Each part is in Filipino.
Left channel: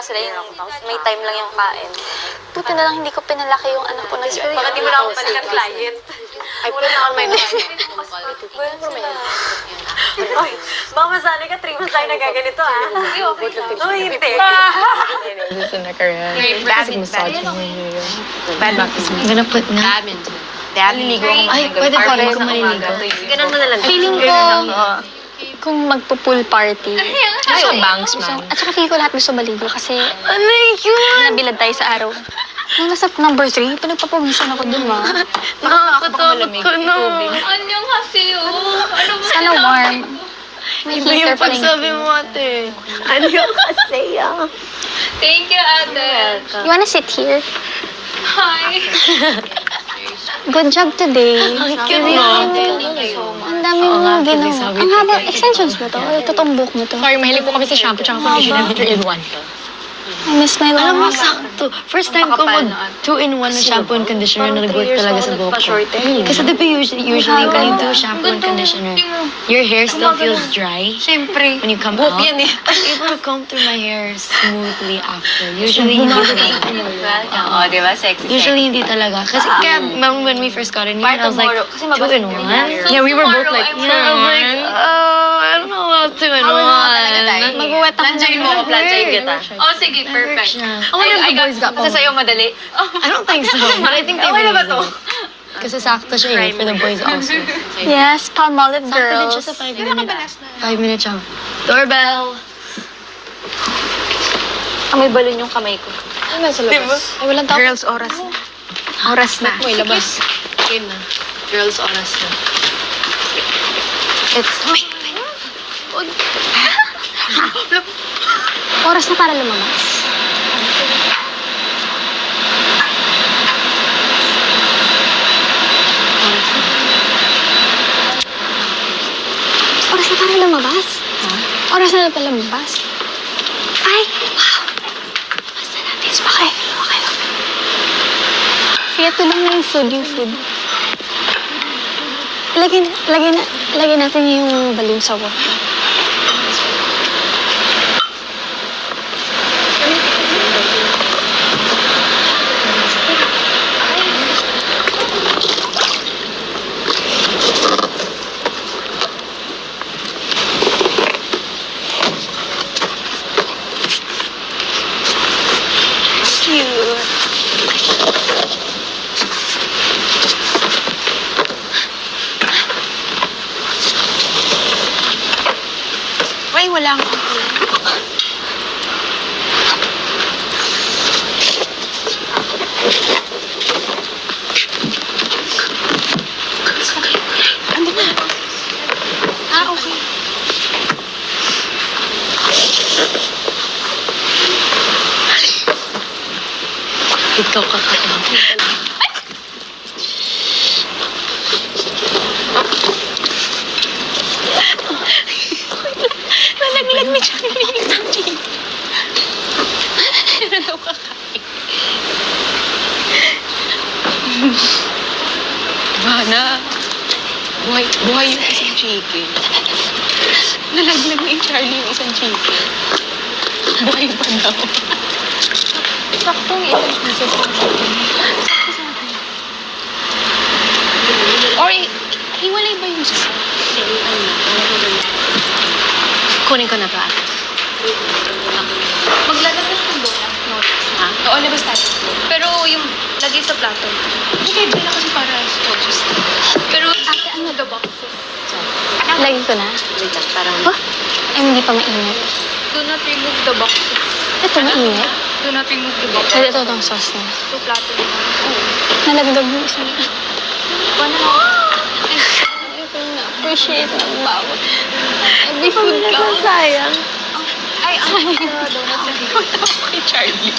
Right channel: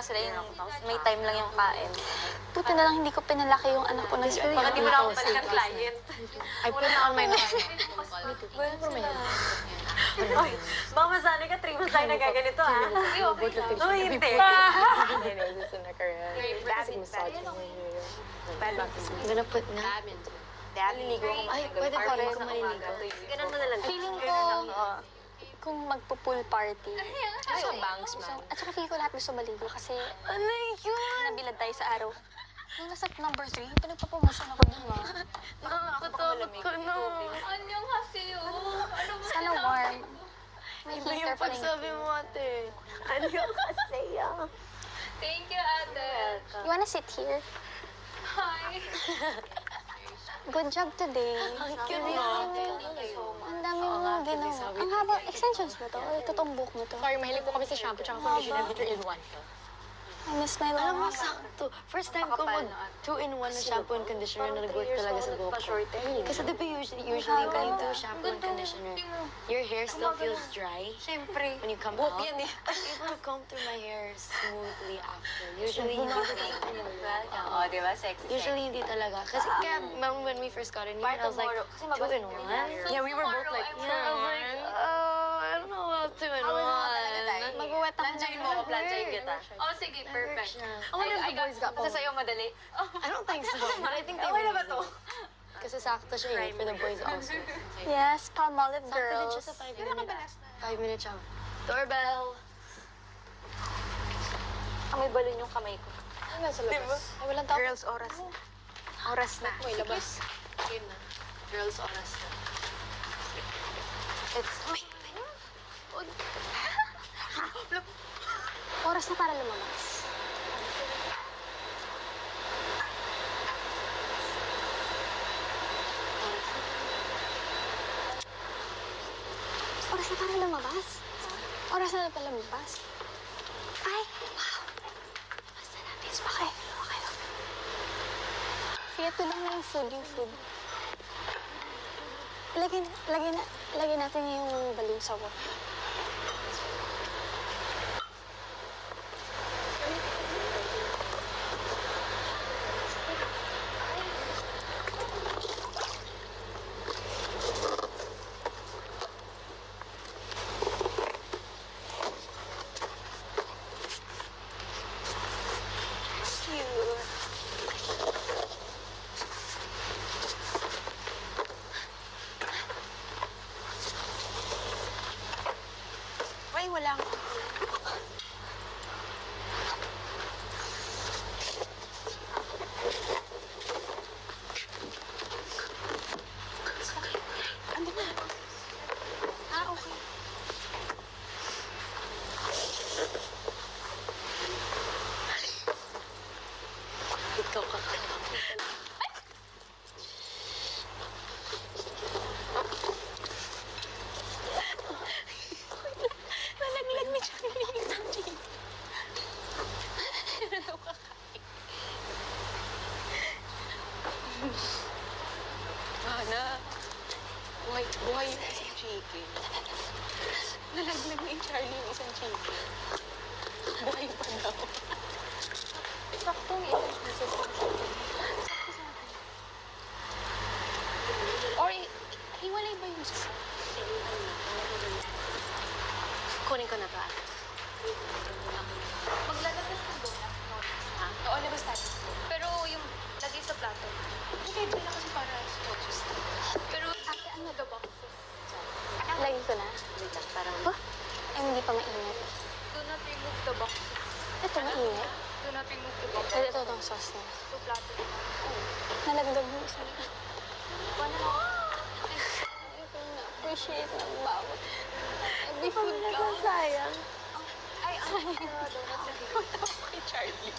lang sila yung may time lang yung kain. Buti na lang hindi ko pinalaki yung anak ko na siya. Baka di mo na ako pala ng client. Ay, wala na ako may Ay, baka masanay ka 3 months tayo nagaganito, ha? Uy, hindi. This in a Korean. Basic massage. I'm gonna put na. Liligo ako. Ay, pwede pa rin kung maliligo. Ganun mo na lang. Feeling ko, kung magpo-pool party. Ay, bangs man. At saka feeling ko lahat gusto maligo kasi nabilad tayo sa araw. Nung nasa number 3, pinagpapawisan ako dun, ma. Nakakatakot ko na. Ano kasi oh? Ano ba? Sana warm. May Iba heater yung pa rin. pagsabi mo, ate. Ano yung kasi, Thank you, ate. You wanna sit here? Hi. Good job today. Cute mo. Ang dami mo ginawa. Ang haba, extensions mo to? O totoong buhok mo to? Sorry, mahilig po kami sa shampoo tsaka conditioner 3-in-1. I miss my Alam mo, mama. sakto. First time ko mag 2-in-1 na shampoo and conditioner na nag-work talaga sa buhok ko. Kasi di ba usually when you do shampoo and conditioner, your hair still feels dry Siyempre. when you come out. I'm able to comb through my hair smoothly after. Usually, hindi talaga. Oo, di ba? Sexy. Usually, hindi talaga. Kasi kaya when we first got in here, I was like, 2-in-1? Yeah, we were both like, Yeah, I was like, oh, I don't know about 2-in-1. Mag-wet ako. Planchain mo ako, planchain kita. Oh, sige, perfect. I wonder if the boys got Kasi sa'yo madali. I don't think so, but I think they Okay na ba to? Kasi sakto siya eh, for the boys also. Yes, Palmolive Sakto din girls. siya sa 5 minutes. 5 minutes siya. Doorbell! May balon yung kamay ko. Ano sa labas? Ay, walang tao. girls, oras. Oras na. May labas. Yun na. Girls, oras na. It's... Oras na para lumabas. Oras na para lumabas? Oras na para lumabas? Ay, wow! Basta natin. Okay. Sige, ito lang na yung food. Lagyan natin yung balloon sa wall. Ay, wala akong Ikaw kakakain. Nalaglag ni Charlie ng chicken. Ano daw kakain? Bana. Buhay yung isang chicken. Nalaglag ni Charlie yung isang chicken. Buhay pa daw. Saktong ilang pieces ng chicken. Or, hiwalay ba yung isa? Kunin ko na ba? Maglalabas ng donut notes, ha? Oo, labas tayo. Pero yung lagay sa plato. Okay, dala kasi para just... Pero ate, ano the boxes? Lagyan ko na. Wait lang, parang... Oh, ay, hindi pa mainit. Do not remove the boxes. Ito, mainit. Do not remove the boxes. Pwede ito itong sauce na. So, plato na. Nalagdag yung isa. Paano? Appreciate ng bawat. Every food ka. Sayang. Ay, ang donut sa Kay Charlie.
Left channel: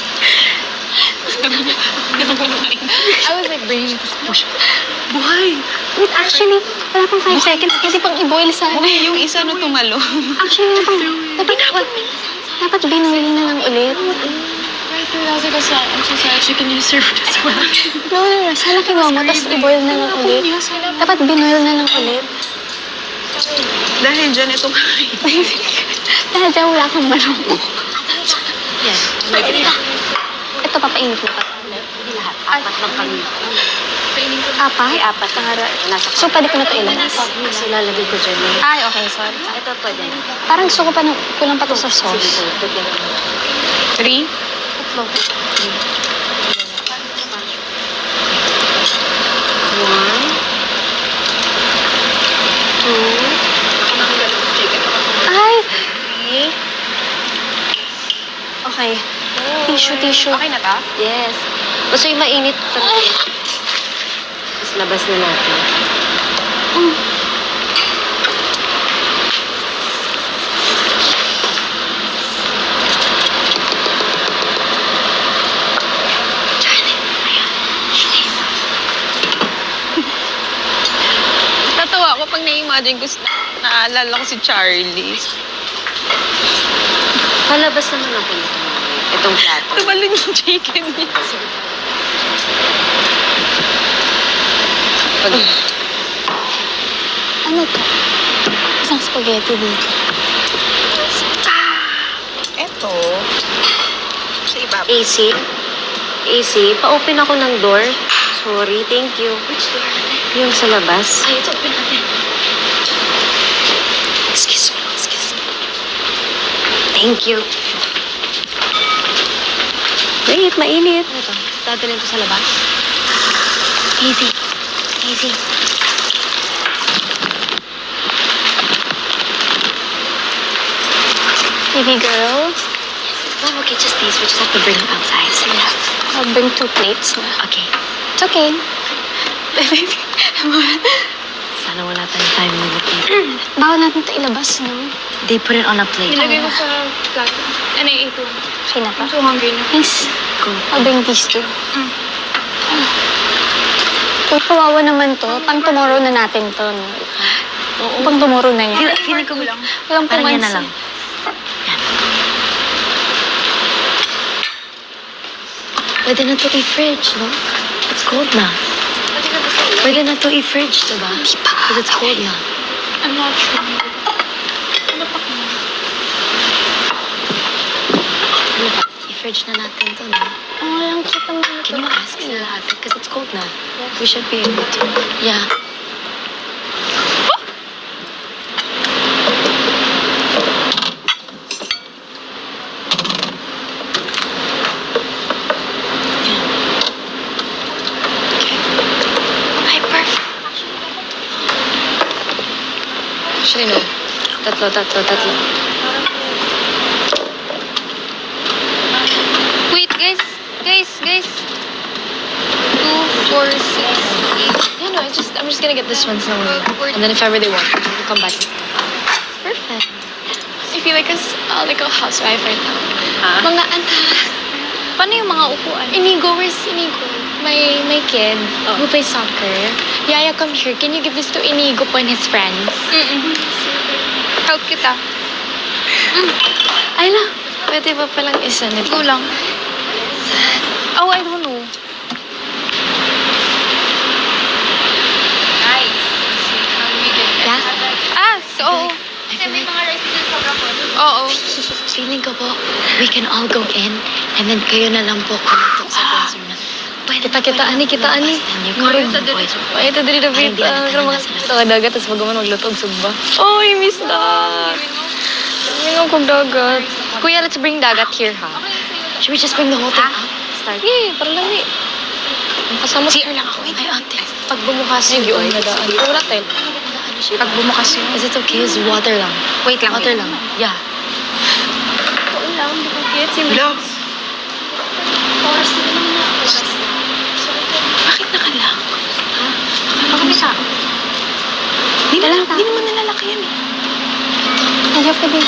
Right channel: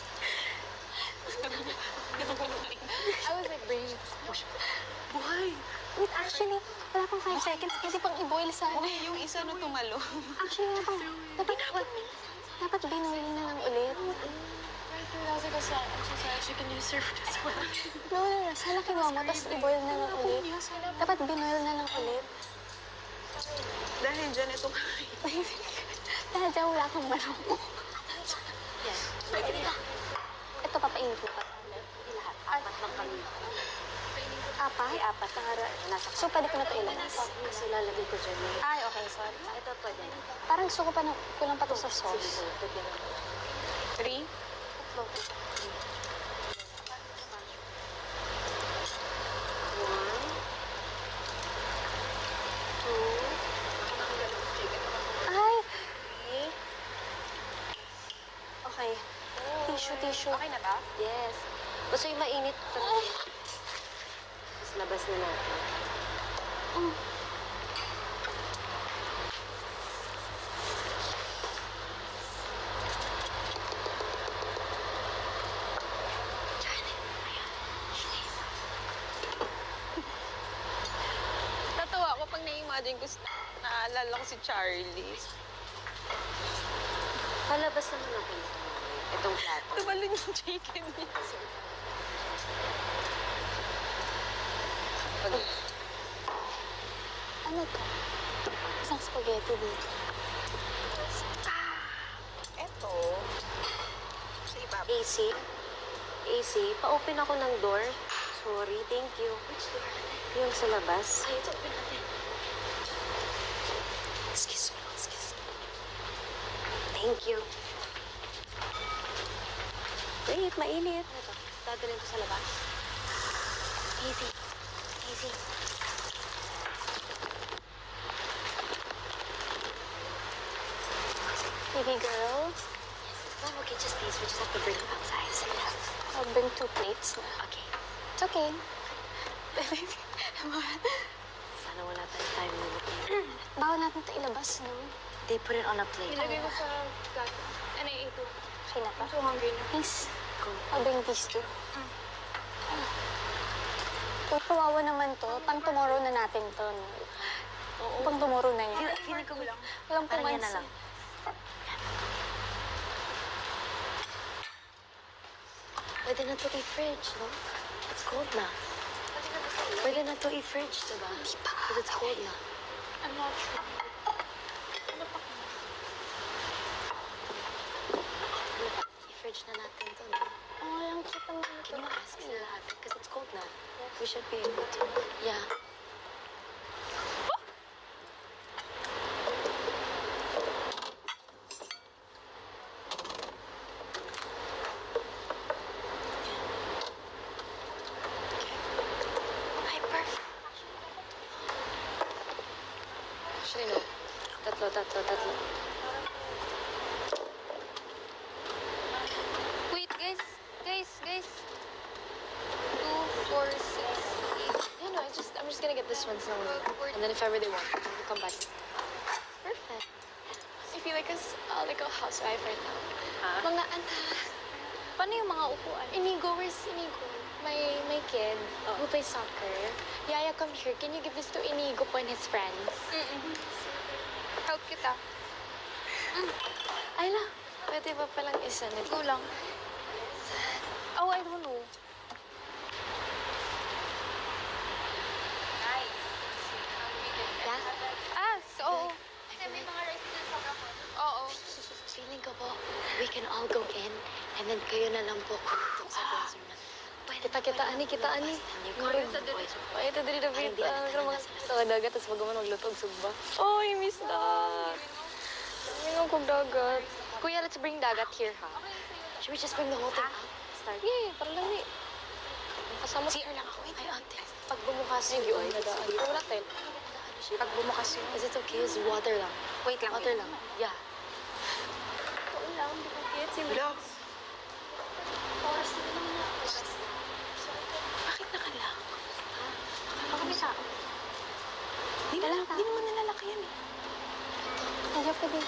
I was like, brain. Buhay! Wait, actually, wala pang 5 seconds. Pwede pang i-boil sa... Buhay yung isa na tumalo. Actually, dapat binuil na lang ulit. I was like, I'm so sorry, she can use serve as well. No. Sana kinuha mo, tapos i-boil na lang ulit. Dapat binuil na lang ulit. Dahil dyan itong kain. Dahil dyan wala kang manok. Yan. Ito, papainit mo pa. Hindi lahat. Apat lang kami. Apat? Ay, apat. Nasa So, pwede ko na ito ilabas? Kasi lalagay ko dyan. Ay, okay, sorry. Ito pwede. Parang gusto ko pa kulang pa to sa Sige, sauce. ito. 3? Tatlo. One. Two. Ay! Okay. Tissue. Okay na ta? Yes. Basta yung mainit. Tapos labas na natin. Tatawa ko pag na-imagine ko, naalala ko si Charlie. Palabas naman ako nito. Itong plato. Tumalon yung chicken niya. Pag Ano to? Isang spaghetti dito. Eto. Sa ibabaw. AC. AC. Pa-open ako ng door. Sorry, thank you. Which door? Yung sa labas. Ay, ito, open natin. Excuse me. Thank you. Wait, mainit. Ano to? Dadalhin ko sa labas. Easy. Baby girl, Mom, okay, just these. We just have to bring them outside. So, yeah. I'll bring 2 plates na. Okay. It's okay. Sana wala tayong time limit dito. Bawal natin ito ilabas, no? They put it on a plate. Nilagay ko sa plato. Ano yung ito? Okay na pa. I'm so hungry na. Yes. Go. I'll bring these 2. Uy, kawawa naman to. Pang tomorrow na natin to, no? Oo. Pang tomorrow na yan. Feeling ko lang. Walang parang yan na pumansin. lang. Yan. Pwede na to i-fridge, no? It's cold na. Pwede na to i-fridge, diba? Di pa. Because it's cold na. I'm not sure. Ano pa ko? I-fridge na natin to, no? Oh, ang cute naman ito. Can you ask sila ate? Because it's cold na. We should be able to. Yeah. Ay, perfect. Actually, no. Tatlo. Wait, guys. 2, 4, 6, 8. Yeah, no, I'm just gonna get this one somewhere. And then if ever they want, we'll come back. Perfect. I feel like a housewife right now. Ha? Mga anak. Paano yung mga upuan? Inigo, where's Inigo? My kid who plays soccer. Yaya, come here. Can you give this to Inigo po and his friends? Help kita. Ay na, pwede ba palang isa nito? Go lang. Oh, I don't know. Nice. Yeah? So, I feel like, oo. feeling ko po, we can all go in, and then kayo na lang po kung sa classroom na. Pwede Kita, ani. Then you call the boys. Ay, ito dili na Parang di na pero mga sila. ito dagat, tapos magaman maglutog sugba. Oh, I miss that. Mingaw kong dagat. Kuya, let's bring dagat here, ha? Should we just bring the whole thing out? Start. Yeah, parang lami. Ang kasama CR lang ako. Ay, ate. pag bumukas yung gion na daan. Pero wala tayo. Pag bumukas yun. Is it okay? Is water lang? Wait lang. Water lang. Yeah. Hello? Bakit nakalang? Bakit siya? Hindi naman nalalaki yan eh. Kaya pwede.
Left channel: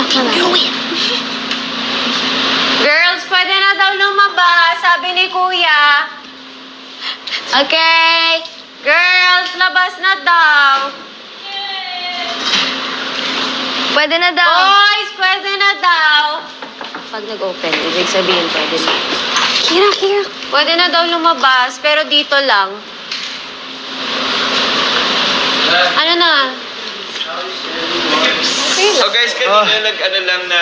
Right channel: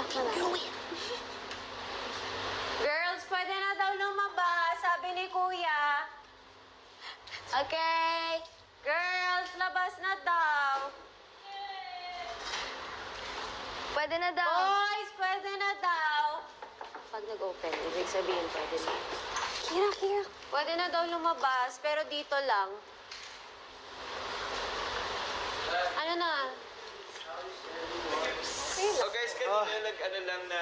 Nakala. Girls, pwede na daw lumabas, sabi ni Kuya. Okay. Girls, labas na daw. Pwede na daw. Boys, pwede na daw. Pag nag-open, ibig sabihin pwede na. Kira. Pwede na daw lumabas, pero dito lang. Ano na? Ay, So guys, kanina ano lang na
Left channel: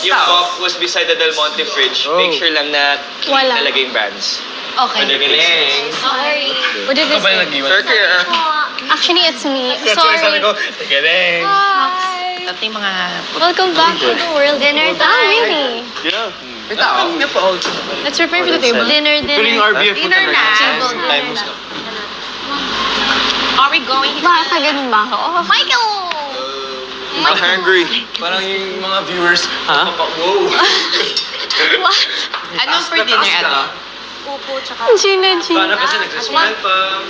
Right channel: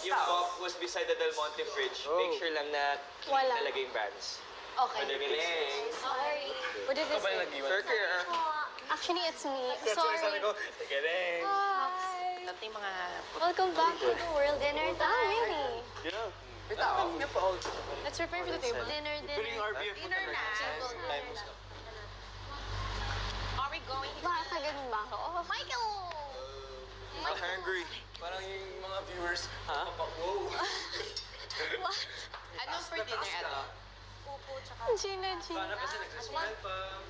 yung box was beside the Del Monte fridge. Make sure lang na clean talaga yung brands. Okay. Galing. Sorry. What did this say? Sure, clear. Actually, it's me. Sorry. Galing. Hi. At yung mga... Welcome back to the world. Dinner time. Oh, really? Yeah. Let's prepare for the table. Dinner. Dinner na. Are we going? Baka ganun ba ako? Michael! I'm hungry. Parang yung mga viewers, wow. What? Anong for dinner, ano? Gina. Paano kasi nagsasmile pa?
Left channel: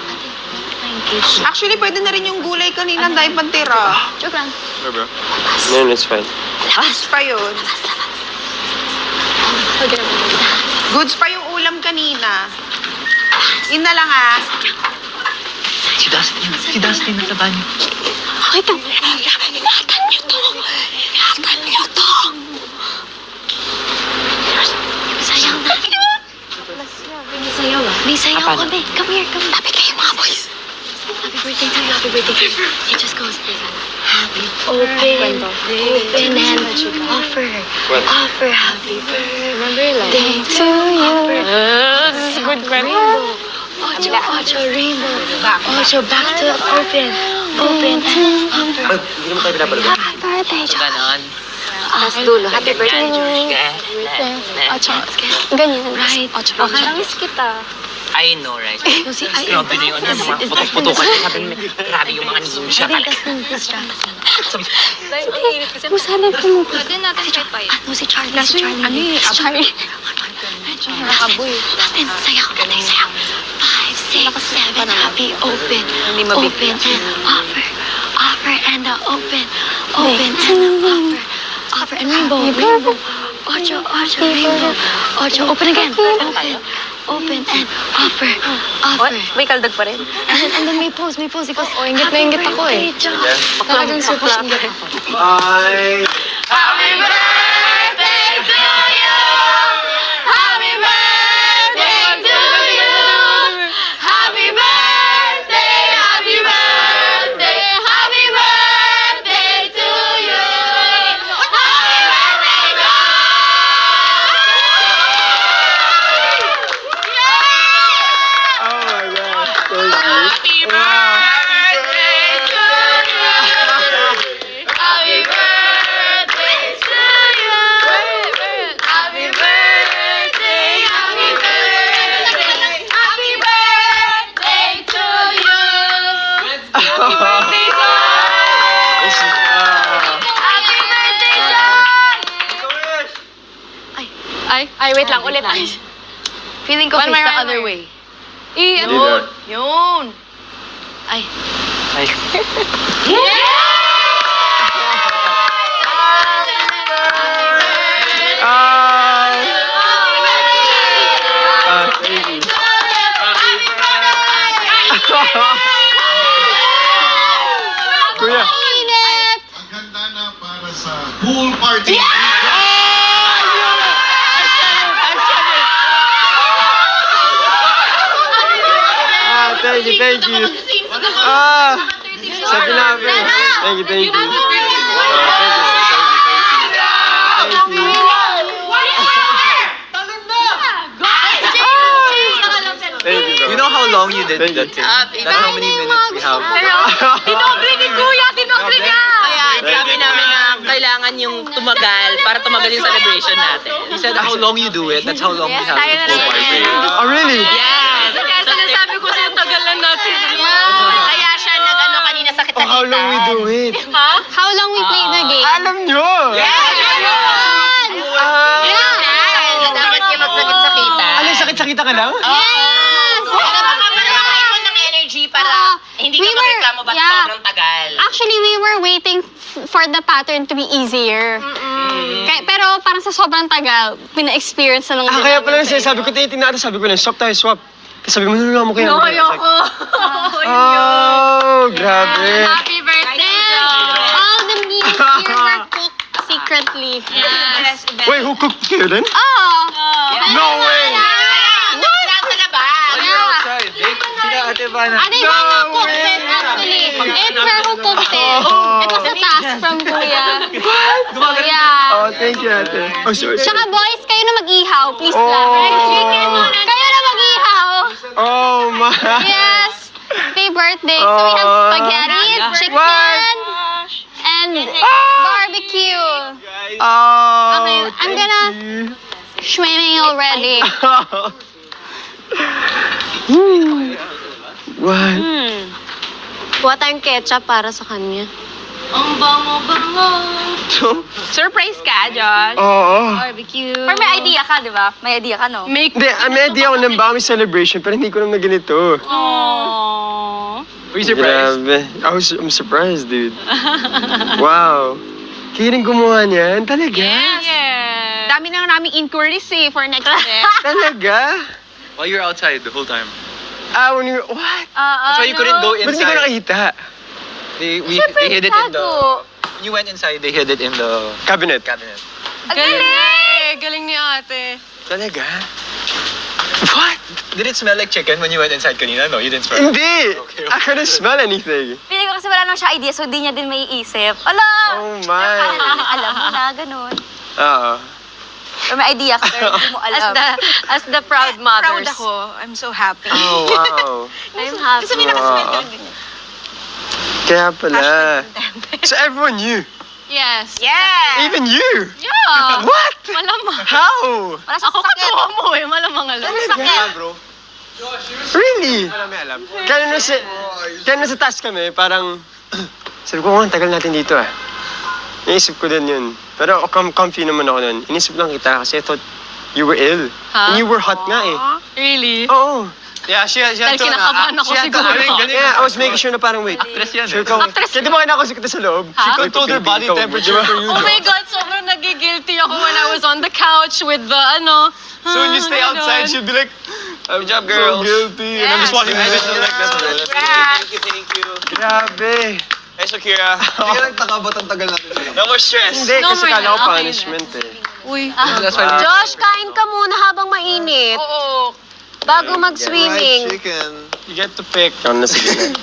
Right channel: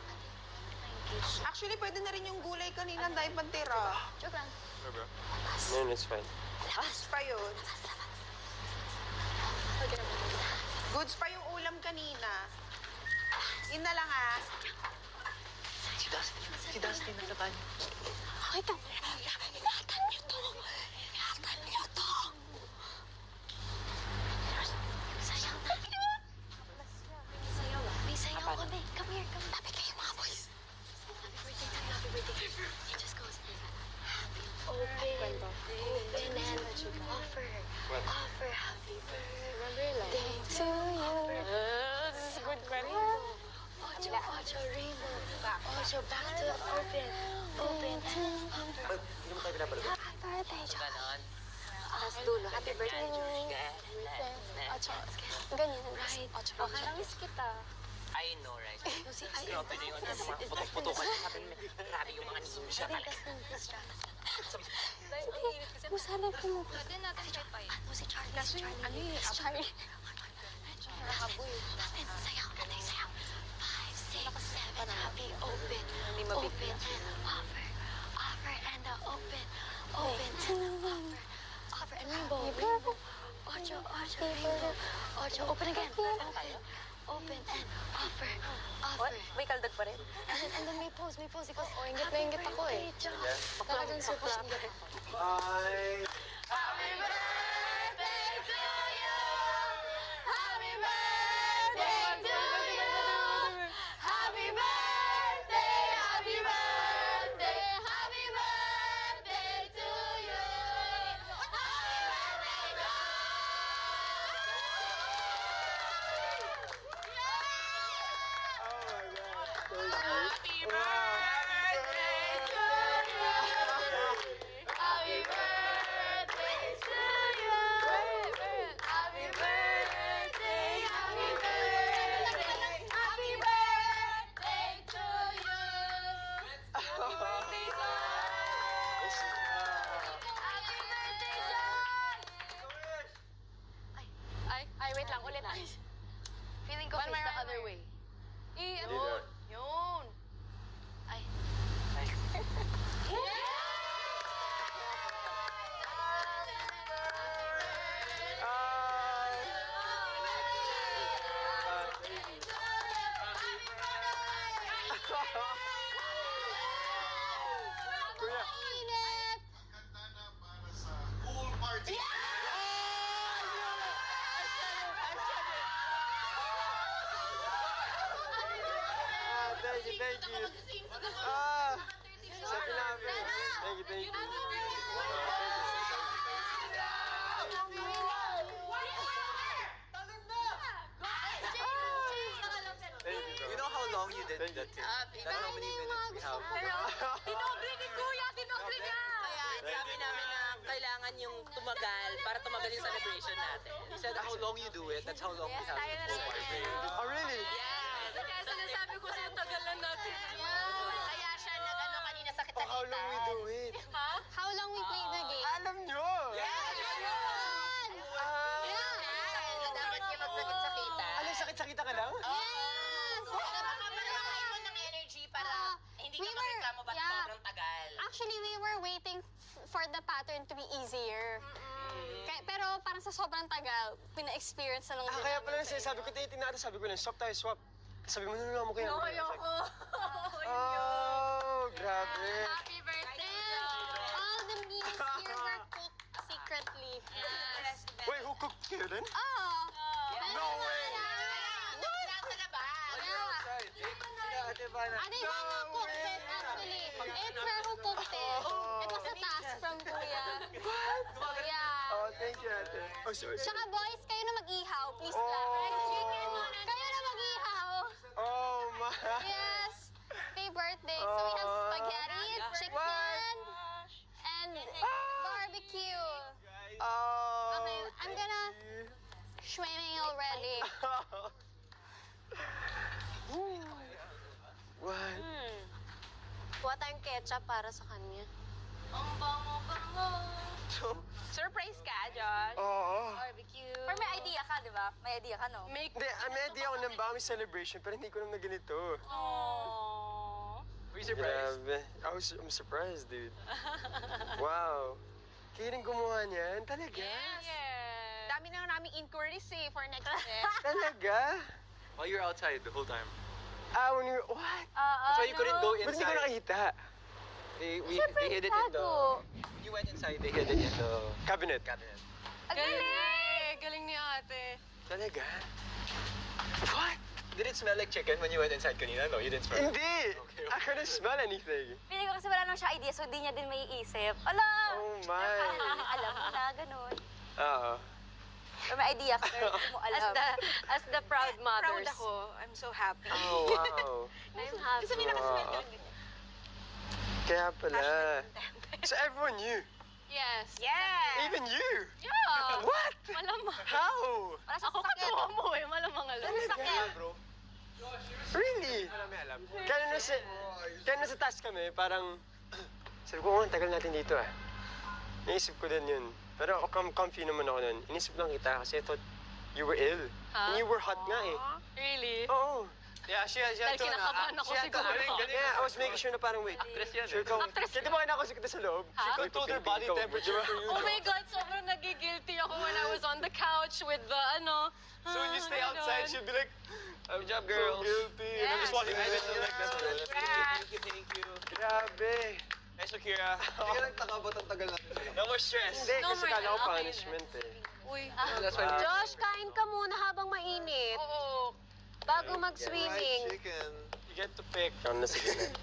Actually, pwede na rin yung gulay kanina dahil pantira. Joke lang. Sure, bro. No, it's fine. Goods pa yun. Okay. Goods pa yung ulam kanina. Yun na lang ah. Si Dustin nasa banyo. Okay ka. Ingatan niyo to. Sayaw na. May sayaw kami. Come here. Lapit kayo mga boys. Happy birthday to you. Happy birthday. It just goes. Happy open and offer. Happy birthday to you. This is good pa rin. Ocho rainbow. Ocho back to open and offer. Hindi naman tayo pinapalagay. Happy birthday, John. Ganon. Tapos dulo. Happy birthday, Ocho. Ganyan. Right. Ocho. Nakamiss kita. I know, right? Grabe na yung ano, yung mga putok-putokan. Sabi niya, grabe yung mga ninja talaga. Kung saan ang pumupunta? Pwede natin si Charlie. Ano si Charlie? Si Charlie. Nakaboy. Sayaw. 5, 6, 7. Happy open. Open and offer. Offer and open. Open and offer. Offer and rainbow. Ocho rainbow. Ocho. Open again. Open and offer. May kaldag pa rin. And then may pose. Ikaw. Oh, ingit na ingit ako eh. Talagang super ingit ako. Bye! Happy birthday to you. Happy birthday to you. Happy birthday. Happy birthday. Happy birthday to you. Happy birthday, God. Oh my gosh, thank you. Happy birthday to you. Happy birthday to you. Happy birthday. Happy birthday. Happy birthday to you. Happy birthday, John. Ay, wait lang. Ulit. Feeling ko One face more, the one other more. way. Yun. Ay. Kuya. Maganda na para sa pool party. Thank you. Sabi namin. Thank you. Thank you, bro. You know how long you did Thank you. that thing? That's how many minutes we have. Tinobre ni Kuya! Tinobre niya! Kaya sabi namin na kailangan yung tumagal para tumagal yung celebration natin. He said how long you do it, that's how long we have tayo the na full rin. party. Oh, really? Yes! Kaya sinasabi ko sa'yo, tagal lang natin. Kaya siya nag-ano kanina sakit Oh, how long we do it? How long we played the game? Alam nyo! Dapat kayo magsakit-sakitan. Ano, sakit-sakita ka lang? Para makaparoon ng energy para hindi ka magreklamo ba't sobrang tagal. Actually, we were waiting for the pattern to be easier. Pero parang sa sobrang tagal, pina-experience na lang. Ah, kaya pala sabi ko, tinitingnan natin, sabi ko lang, swap tayo, swap. Kasi sabi mo, nalala mo kaya. Ayoko. Oh, grabe. Happy birthday! All the meals here were cooked secretly. Yes. Wait, who cooked kayo din? Oh! No way! Nasa labas. Yeah. Sila Ate Vanna. Ate Ivana cooked it actually. It's her who cooked it. It was a task from Kuya. Kuya. Oh, thank you, ate. Oh, sorry. Tsaka boys, kayo na mag-ihaw. Please lang. Kayo na mag-ihaw. Oh, my. Yes. Happy birthday. So we have spaghetti, chicken, and barbecue. Oh, Okay, I'm gonna swimming already. What? Kuha tayong ketchup para sa kanya. Ang bango-bango. Surprise ka, Josh. Oo. Barbecue. Or may idea ka, di ba? May idea ka, no? Hindi, may idea ako ng Bami celebration, pero hindi ko naman na ganito. Aww. Were you surprised? Grabe. I'm surprised, dude. Wow. Kayo rin gumawa niyan? Talaga? Yes. Dami na naming inquiries for next year. Talaga? While you're outside the whole time. When you're, what? So you couldn't go Ba't hindi ko inside. nakita? They hid it in the... When you went inside, they hid it in the Cabinet. cabinet. Galing ni ate. Talaga? What? Did it smell like chicken when you went inside kanina? No, you didn't smell. Hindi! I couldn't smell anything. Pili ko kasi wala nang siya idea, so di niya din may isip. Ala! Oh my. Alam mo na, ganun. Oo. Or may idea ka, pero hindi mo alam. As the proud mothers. Proud ako. I'm so happy. Oh, wow. I'm happy. Kasi may nakaswerte rin din. Kaya pala. So everyone knew? Yes. Yeah! Even you? Yeah. What? Malamang. How? Wala sa Ako katuwa mo eh. Malamang alam. Really? Kaya nasa task kami, parang, sabi ko, ang tagal natin dito ah. Naisip ko din yun. Pero comfy naman ako nun. Inisip lang kita kasi I thought you were ill. And you were hot nga eh. Really? Oo. Yeah, she had Dahil kinakabahan ako siguro. Yeah, I was making sure na parang wait. Sure ko. Kaya di ba kinakausap kita sa loob? She controlled her body temperature for you. Oh my God, sobrang nagigilty ako when I was on the couch with the ano. So when you stay outside, she'll be like, Good job, so girls. guilty. And I'm just watching the video like that. Thank you. Grabe. Hey, Shakira. Hindi ka nagtaka ba't ang tagal natin sa'yo? No more stress. Hindi, No kasi more kala na, ko okay punishment eh. Uy. Josh, kain ka muna habang mainit. Oo. Bago mag-swimming. Chicken. You get to pick. Ikaw na sige na.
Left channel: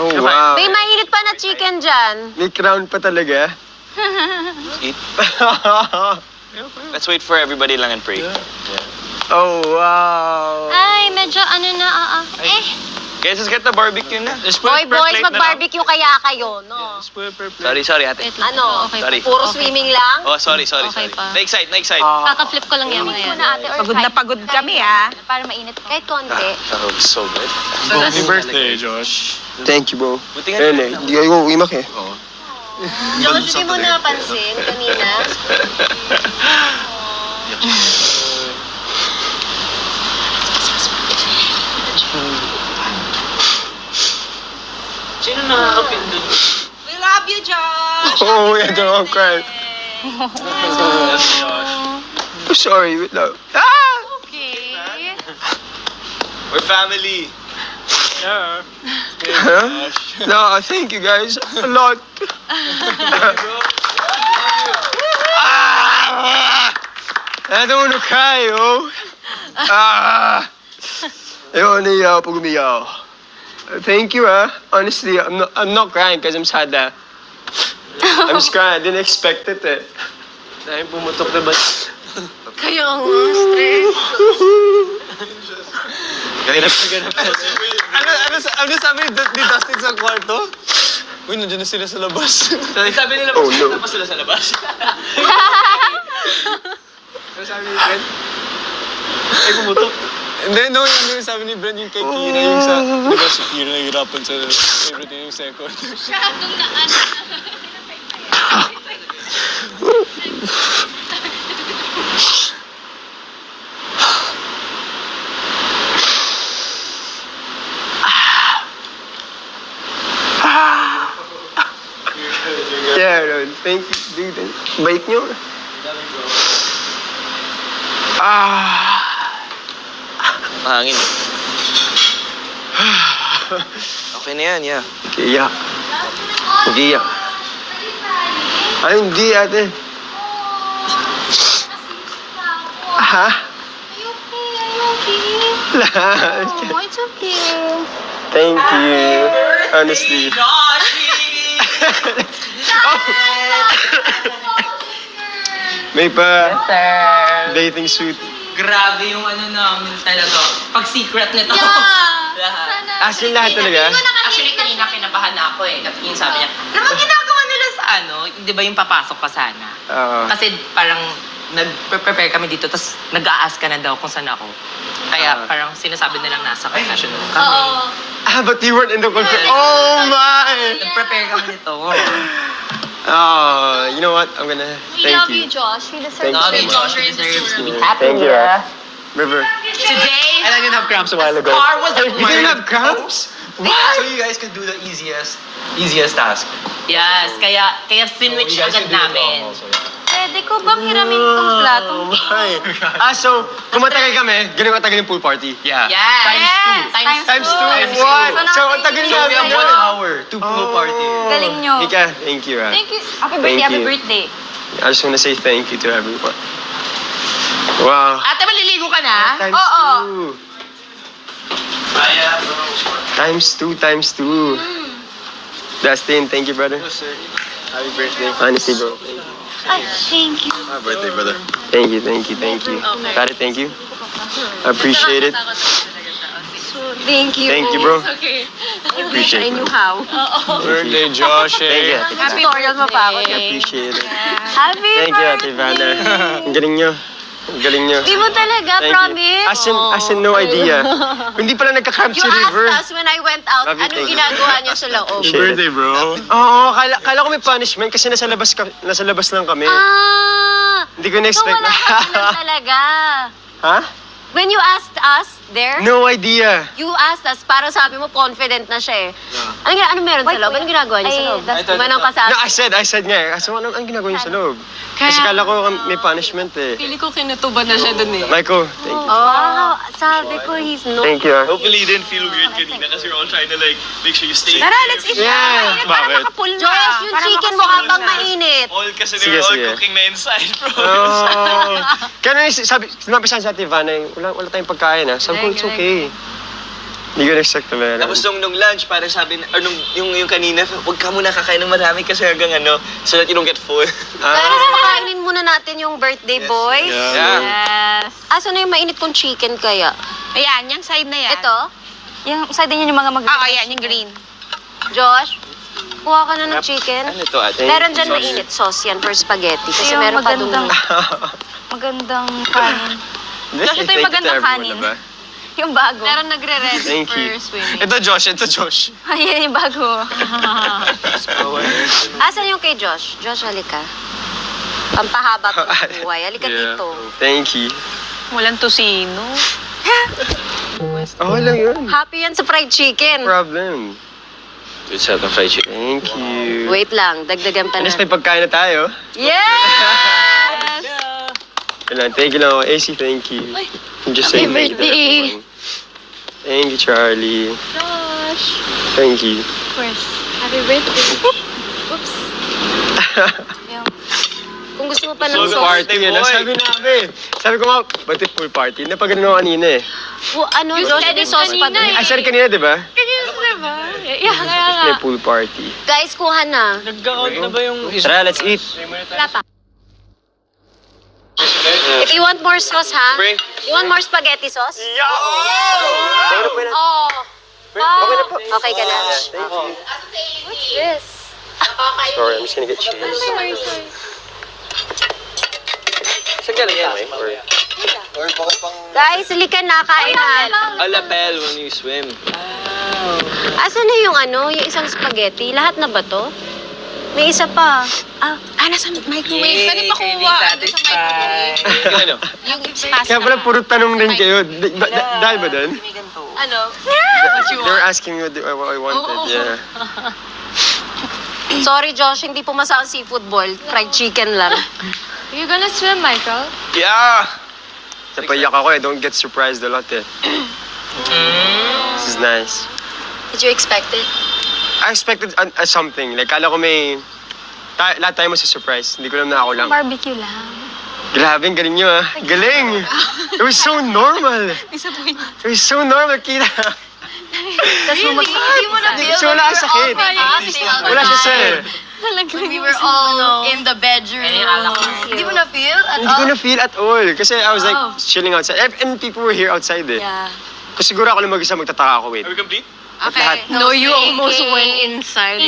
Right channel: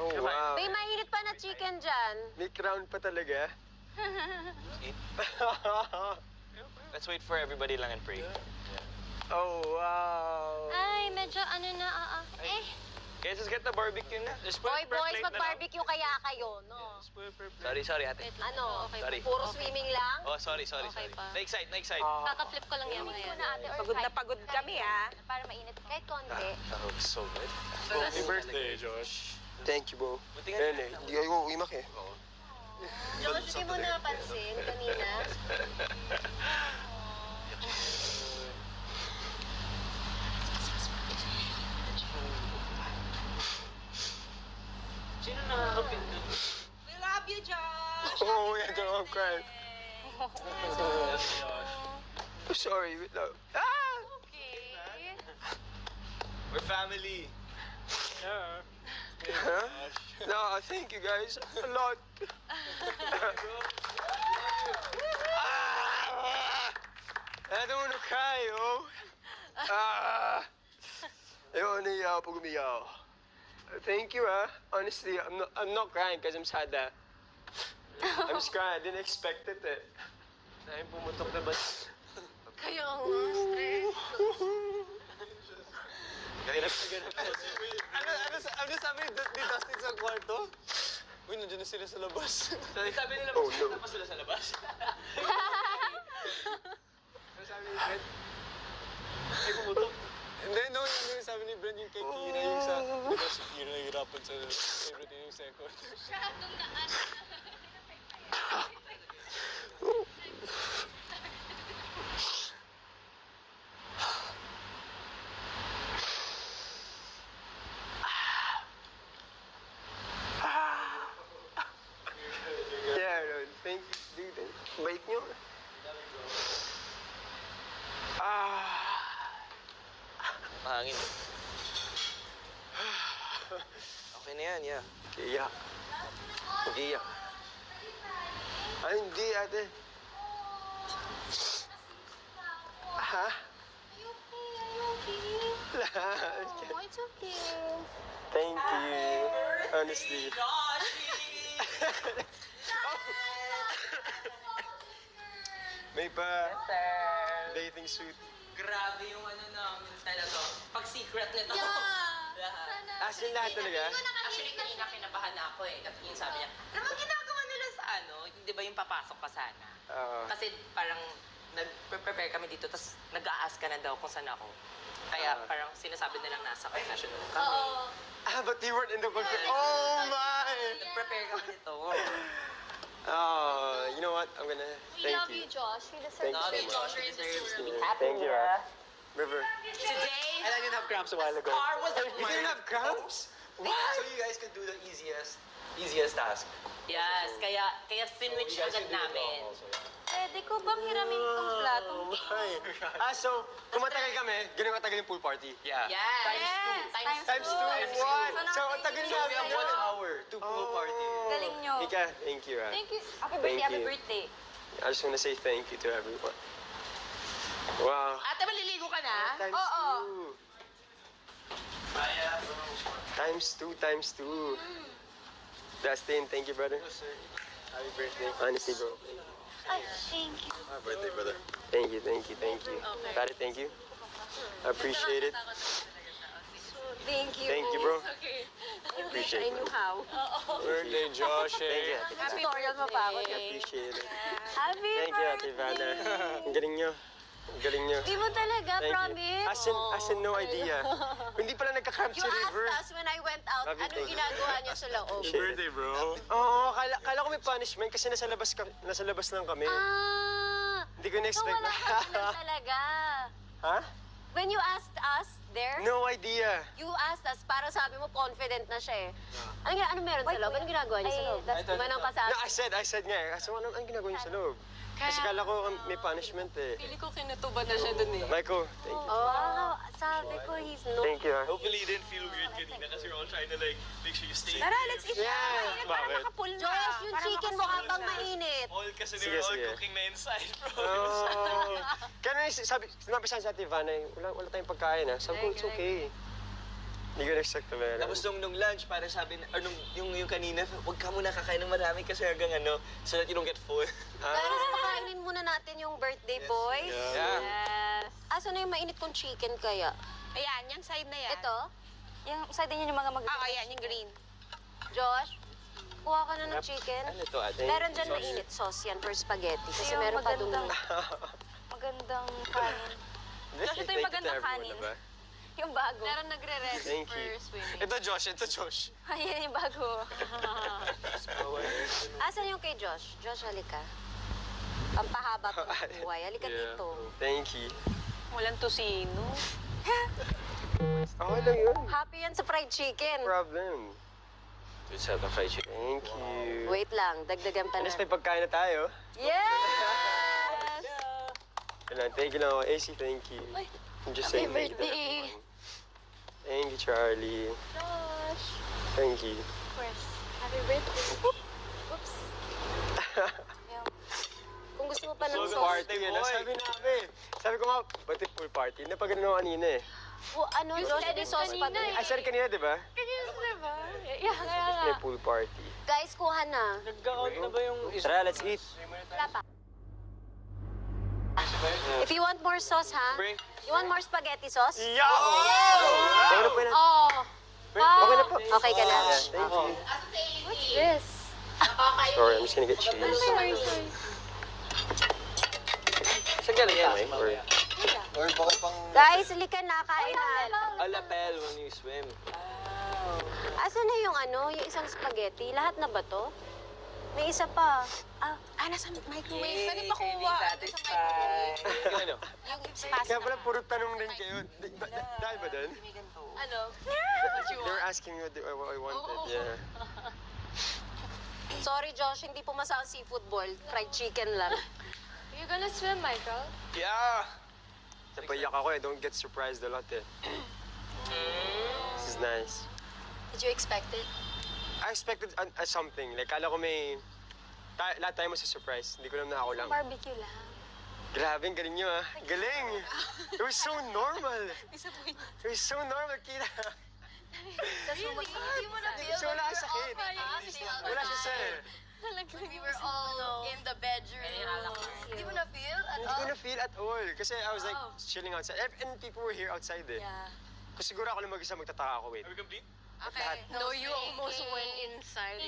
Oh, wow. May mainit pa na chicken dyan. May crown pa talaga. Eat. Let's wait for everybody lang and pray. Oh, wow. Ay, medyo ano na, Guys, let's get the barbecue na. Hoy, boys, mag-barbecue kaya kayo, no? Sorry, ate. Ano? Okay. Sorry. Puro swimming lang? Oh, sorry. Okay pa. Na-excite. Kaka-flip ko lang yan mga yan. Pagod na pagod kami, ah. Para mainit ko. Kahit konti. That was so good. Happy birthday, Josh. Thank you, bro. Buti nga Ayun eh, hindi kayo uwimak eh. Josh, hindi mo napansin kanina. Sino nakakapindot? We love you, Josh! Oh, yeah, don't cry. I'm sorry, wait lang. Ah! Okay. We're family. Huh? No, thank you guys a lot. I don't want to cry, yo. Ayoko naiyak pag umiyak. Thank you, honestly, I'm not crying because I'm sad. I'm just crying. I didn't expect it. Dahil pumutok na ba? Kaya nga, stress. Ano sabi ni Dustin sa kwarto? Uy, nandiyan na sila sa labas. Sabi nila, Oh, no. pa sila sa labas. Ano sabi ni Brent? Ay, pumutok. Hindi, no, yung sabi ni Brent yung kay Kira, yung sa, di ba si Kira nahihirapan sa favorite yung second. Masyadong na ano. Yeah, no, thank you, dude. Bait nyo. Mahangin. Okay na yan, yeah. Iyak. Mag-iyak. Ay, hindi, ate. Ha? Oh, it's okay. Thank you. Honestly. May pa dating suit. Grabe yung ano namin talaga. Pag secret nito. Lahat. As in lahat talaga? Actually, kanina kinabahan na ako eh. Yung sabi niya, naman ginagawa nila sa ano? Di ba yung papasok ka sana? Oo. Kasi parang nag-prepare kami dito, tapos nag-a-ask ka na daw kung saan ako. Kaya parang sinasabi nilang nasa confession room kami. But you weren't in the confession. Oh my! Nag-prepare kami nito. Oh, you know what? I'm gonna thank you. Josh. We deserve Thank Love you you, so much. Josh. Deserves to be happy. Thank you, River. Today, And I didn't have cramps a while ago. car was You didn't have cramps? So you guys could do the easiest task. Yes, kaya finwitch You guys agad can do it namin. wrong also, yeah. Pwede ko bang hiramin itong plato? Oh my. So, kung matagal kami, ganun katagal yung pool party? Yeah. Yes! Times two. What? So, ang tagal So we have namin. 1 hour to pool party. Galing nyo. Mika, thank you. Thank you. Happy Thank birthday, happy you. birthday. I just want to say thank you to everyone. Wow. Ate, maliligo ka na? Times two. Times two. Dustin, thank you, brother. Happy birthday. Honestly, bro. Ay, thank you. Happy birthday, brother. Thank you. Got it, thank you. I appreciate it. Thank you. Thank you, bro. Okay. Appreciate it. How? Birthday, Josh. Thank you, Ate Happy Ivana. tutorial mo pa ako. I appreciate it. Happy Thank you, Ate Ivana. Ang galing nyo. Ang galing nyo. Di mo talaga, Thank you. promise? As in, no idea. Hindi pala nagka-cramp You si River. asked us when I went out, Love you, anong thank you. ginagawa niyo sa loob? Shit. Birthday, bro. Oo, kala ko may punishment kasi nasa labas lang kami. Ah! Hindi ko So na-expect wala ka ganun talaga. Ha? When you asked us there, No idea. you asked us, parang sabi mo confident na siya eh. Ano meron sa loob? Anong ginagawa niyo sa loob? Manang No, kasama. I said nga eh. So, anong ginagawa niyo sa loob? Kasi kala ko may punishment eh. Pili ko kinutuban na siya dun eh. Michael, thank you. Oh, sabi ko, he's no. Thank you. Hopefully, you didn't feel weird kanina kasi we're all trying to like make sure you stay. Tara, let's eat Yeah. na. Para Bakit? makapul na. Josh, yung chicken mo habang mainit. All kasi they Sige, were all sige. cooking na inside, bro. Oh. Kaya sinabi sa Ate Ivana, wala tayong pagkain ha. Sabi ko, it's okay. Hindi ko na-expect na meron. Tapos nung lunch, parang sabi, or yung kanina, huwag ka muna kakain ng marami kasi hanggang ano, so that you don't get full. Guys, pakainin muna natin yung birthday boy. Yeah. Yes. Aso na yung mainit kong chicken kaya? Ayan, yung side na yan. Ito, Yung side din yun yung mga mag- ayan, yung green. Josh, kuha ka na ng chicken. Ano to, ate? Meron dyan mainit sauce yan for spaghetti. Kasi Yung meron pa dun. magandang kanin. Josh, ito yung magandang kanin. Yung bago. Meron nagre-ready Thank you. for swimming. Ito, Josh. Ayan yung bago. Asan yung kay Josh? Josh, halika. Pampahaba ko ng buhay. Halika dito. Thank you. Walang tosino. Okay lang yun. Happy yan sa fried No chicken. problem. Good set ng fried chicken. Thank you. Wait lang, dagdagan pa Alas na. may pagkain na tayo. Yes! Kailan, thank you lang ako. AC, thank you. I'm just saying thank you to everyone. Thank you, Charlie. Josh. Thank you. Of course. Happy birthday. Oops. Kung gusto mo pa ng Pool sauce. party yun. Sabi namin. Sabi ko nga, ba't yung pool party? Napagano ako kanina eh. Ano, Josh, may sauce pa dun. Ay, sorry kanina, di ba? Diba? Yeah, kaya nga. May pool party. Guys, kuha na. Nagka-out na ba yung Tara, let's eat. Wala pa. If you want more sauce, ha? Spring. You want more spaghetti sauce? Oh. Okay ka na. What's this? Sorry, I'm just gonna get cheese. Sorry. Saan galing yan, eh? Guys, halika na, kain na. A lapel when you swim. Asan na yung yung isang spaghetti? Lahat na ba to? May isa pa. Nasa microwave. Pwede pa kuha. Ano? Yung pasta. Kaya pala puro tanong din kayo. Dahil ba doon? Ano? They were asking me what I wanted. Yeah. Sorry, Josh, hindi pumasa ang seafood boil. Fried chicken lang. You gonna swim, Michael? Yeah! Napayak ako eh. Don't get surprised a lot eh. This is nice. Did you expect it? I expected something. Like, kala ko may... lahat tayo surprise. Hindi ko alam na ako lang. Barbecue lang. Grabe, ang galing nyo ah. Galing! It was so normal. Disappointed. It was so normal, kita. Hindi mo na feel. Kasi wala kang sakit. Wala siya sir. When we were all in the bedroom. Hindi mo na feel at Hindi ko all? na feel at all. Kasi I was like chilling outside. And people were here outside eh. Yeah. Kasi siguro ako lang mag-isa magtataka ako, wait. Are we complete? Okay. No, you almost went inside.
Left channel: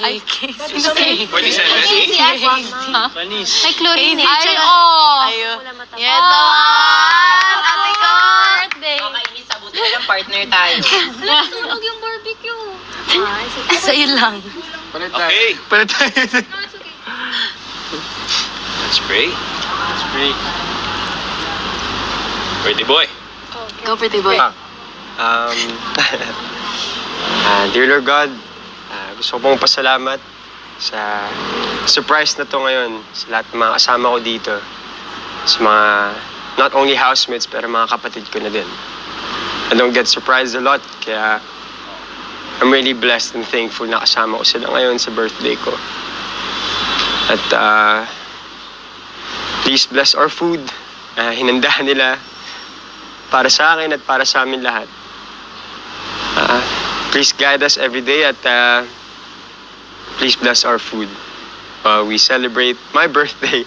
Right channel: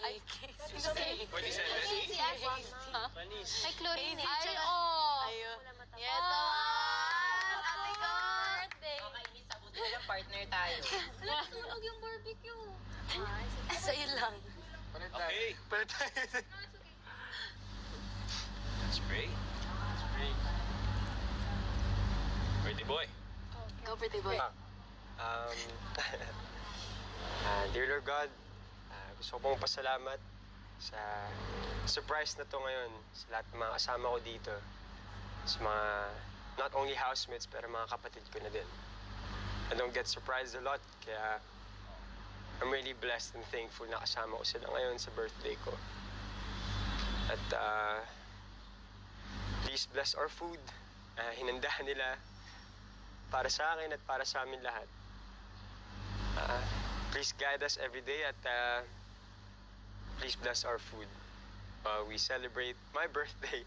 Ay, 47? May chlorine eh. Yes, naman! Ate ko! Okay, Miss, sabuti na lang partner tayo. Tulog yung barbecue. Sa'yo lang. Okay, Pala tayo. let's pray. Let's pray. Birthday boy. Go, pretty boy. Dear Lord God, gusto ko pong pasalamat sa surprise na to ngayon sa lahat ng mga kasama ko dito. Sa mga, not only housemates, pero mga kapatid ko na din. I don't get surprised a lot, kaya I'm really blessed and thankful na kasama ko sila ngayon sa birthday ko. At please bless our food. Hinanda nila para sa akin at para sa amin lahat. Please guide us every day at please bless our food. We celebrate my birthday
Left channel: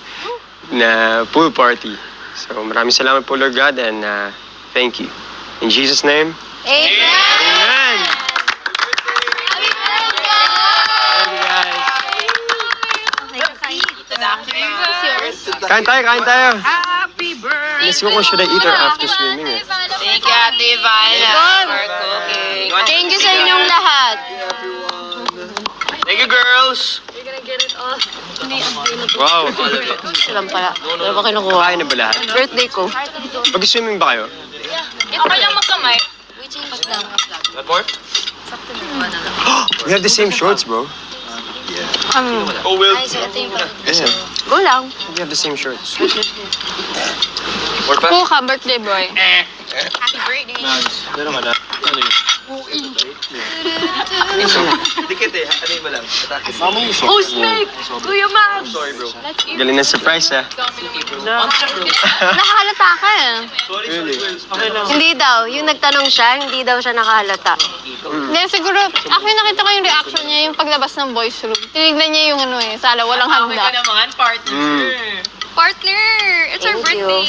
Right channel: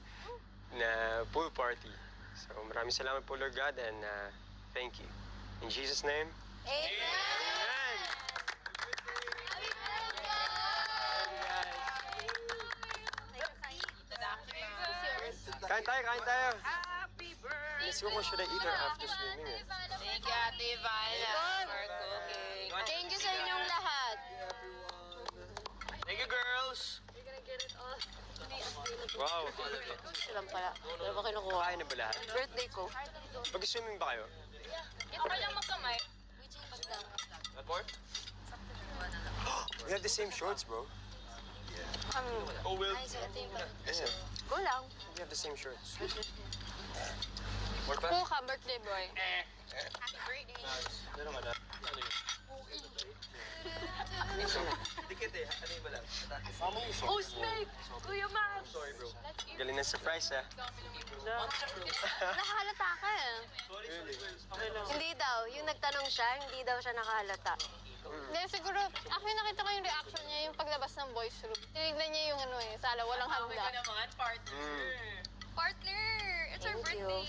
na pool party. So maraming salamat po Lord God and thank you. In Jesus' name, Amen! Kain tayo. Happy birthday! Let's go kung should I eat or after swimming eh. Thank you, Ate Ivana, for cooking. Thank you sa inyong lahat. Thank you, girls. Wow. Lang pala. Wala ba kinukuha? Kain na ba lahat? Birthday ko. Mag-swimming ba kayo? Okay lang magkamay. What more? We have the same shorts, bro. Oh, Will. Yeah, Go lang. we have the same shorts. More pa? Ka, birthday boy. Happy birthday! Dikit eh. Ano mo lang? Hostmate! Kuya Max! Sorry, bro. Galing ng surprise, ha? Nakahalata ka eh. Really? Hindi daw. Yung nagtanong siya, hindi daw siya nakahalata. Hindi, siguro, actually nakita ko yung reaction niya, yung paglabas ng boys room. Tinignan niya yung ano eh, sala, walang Okay ka handa. naman, partner. Partner! It's our Thank you. birthday!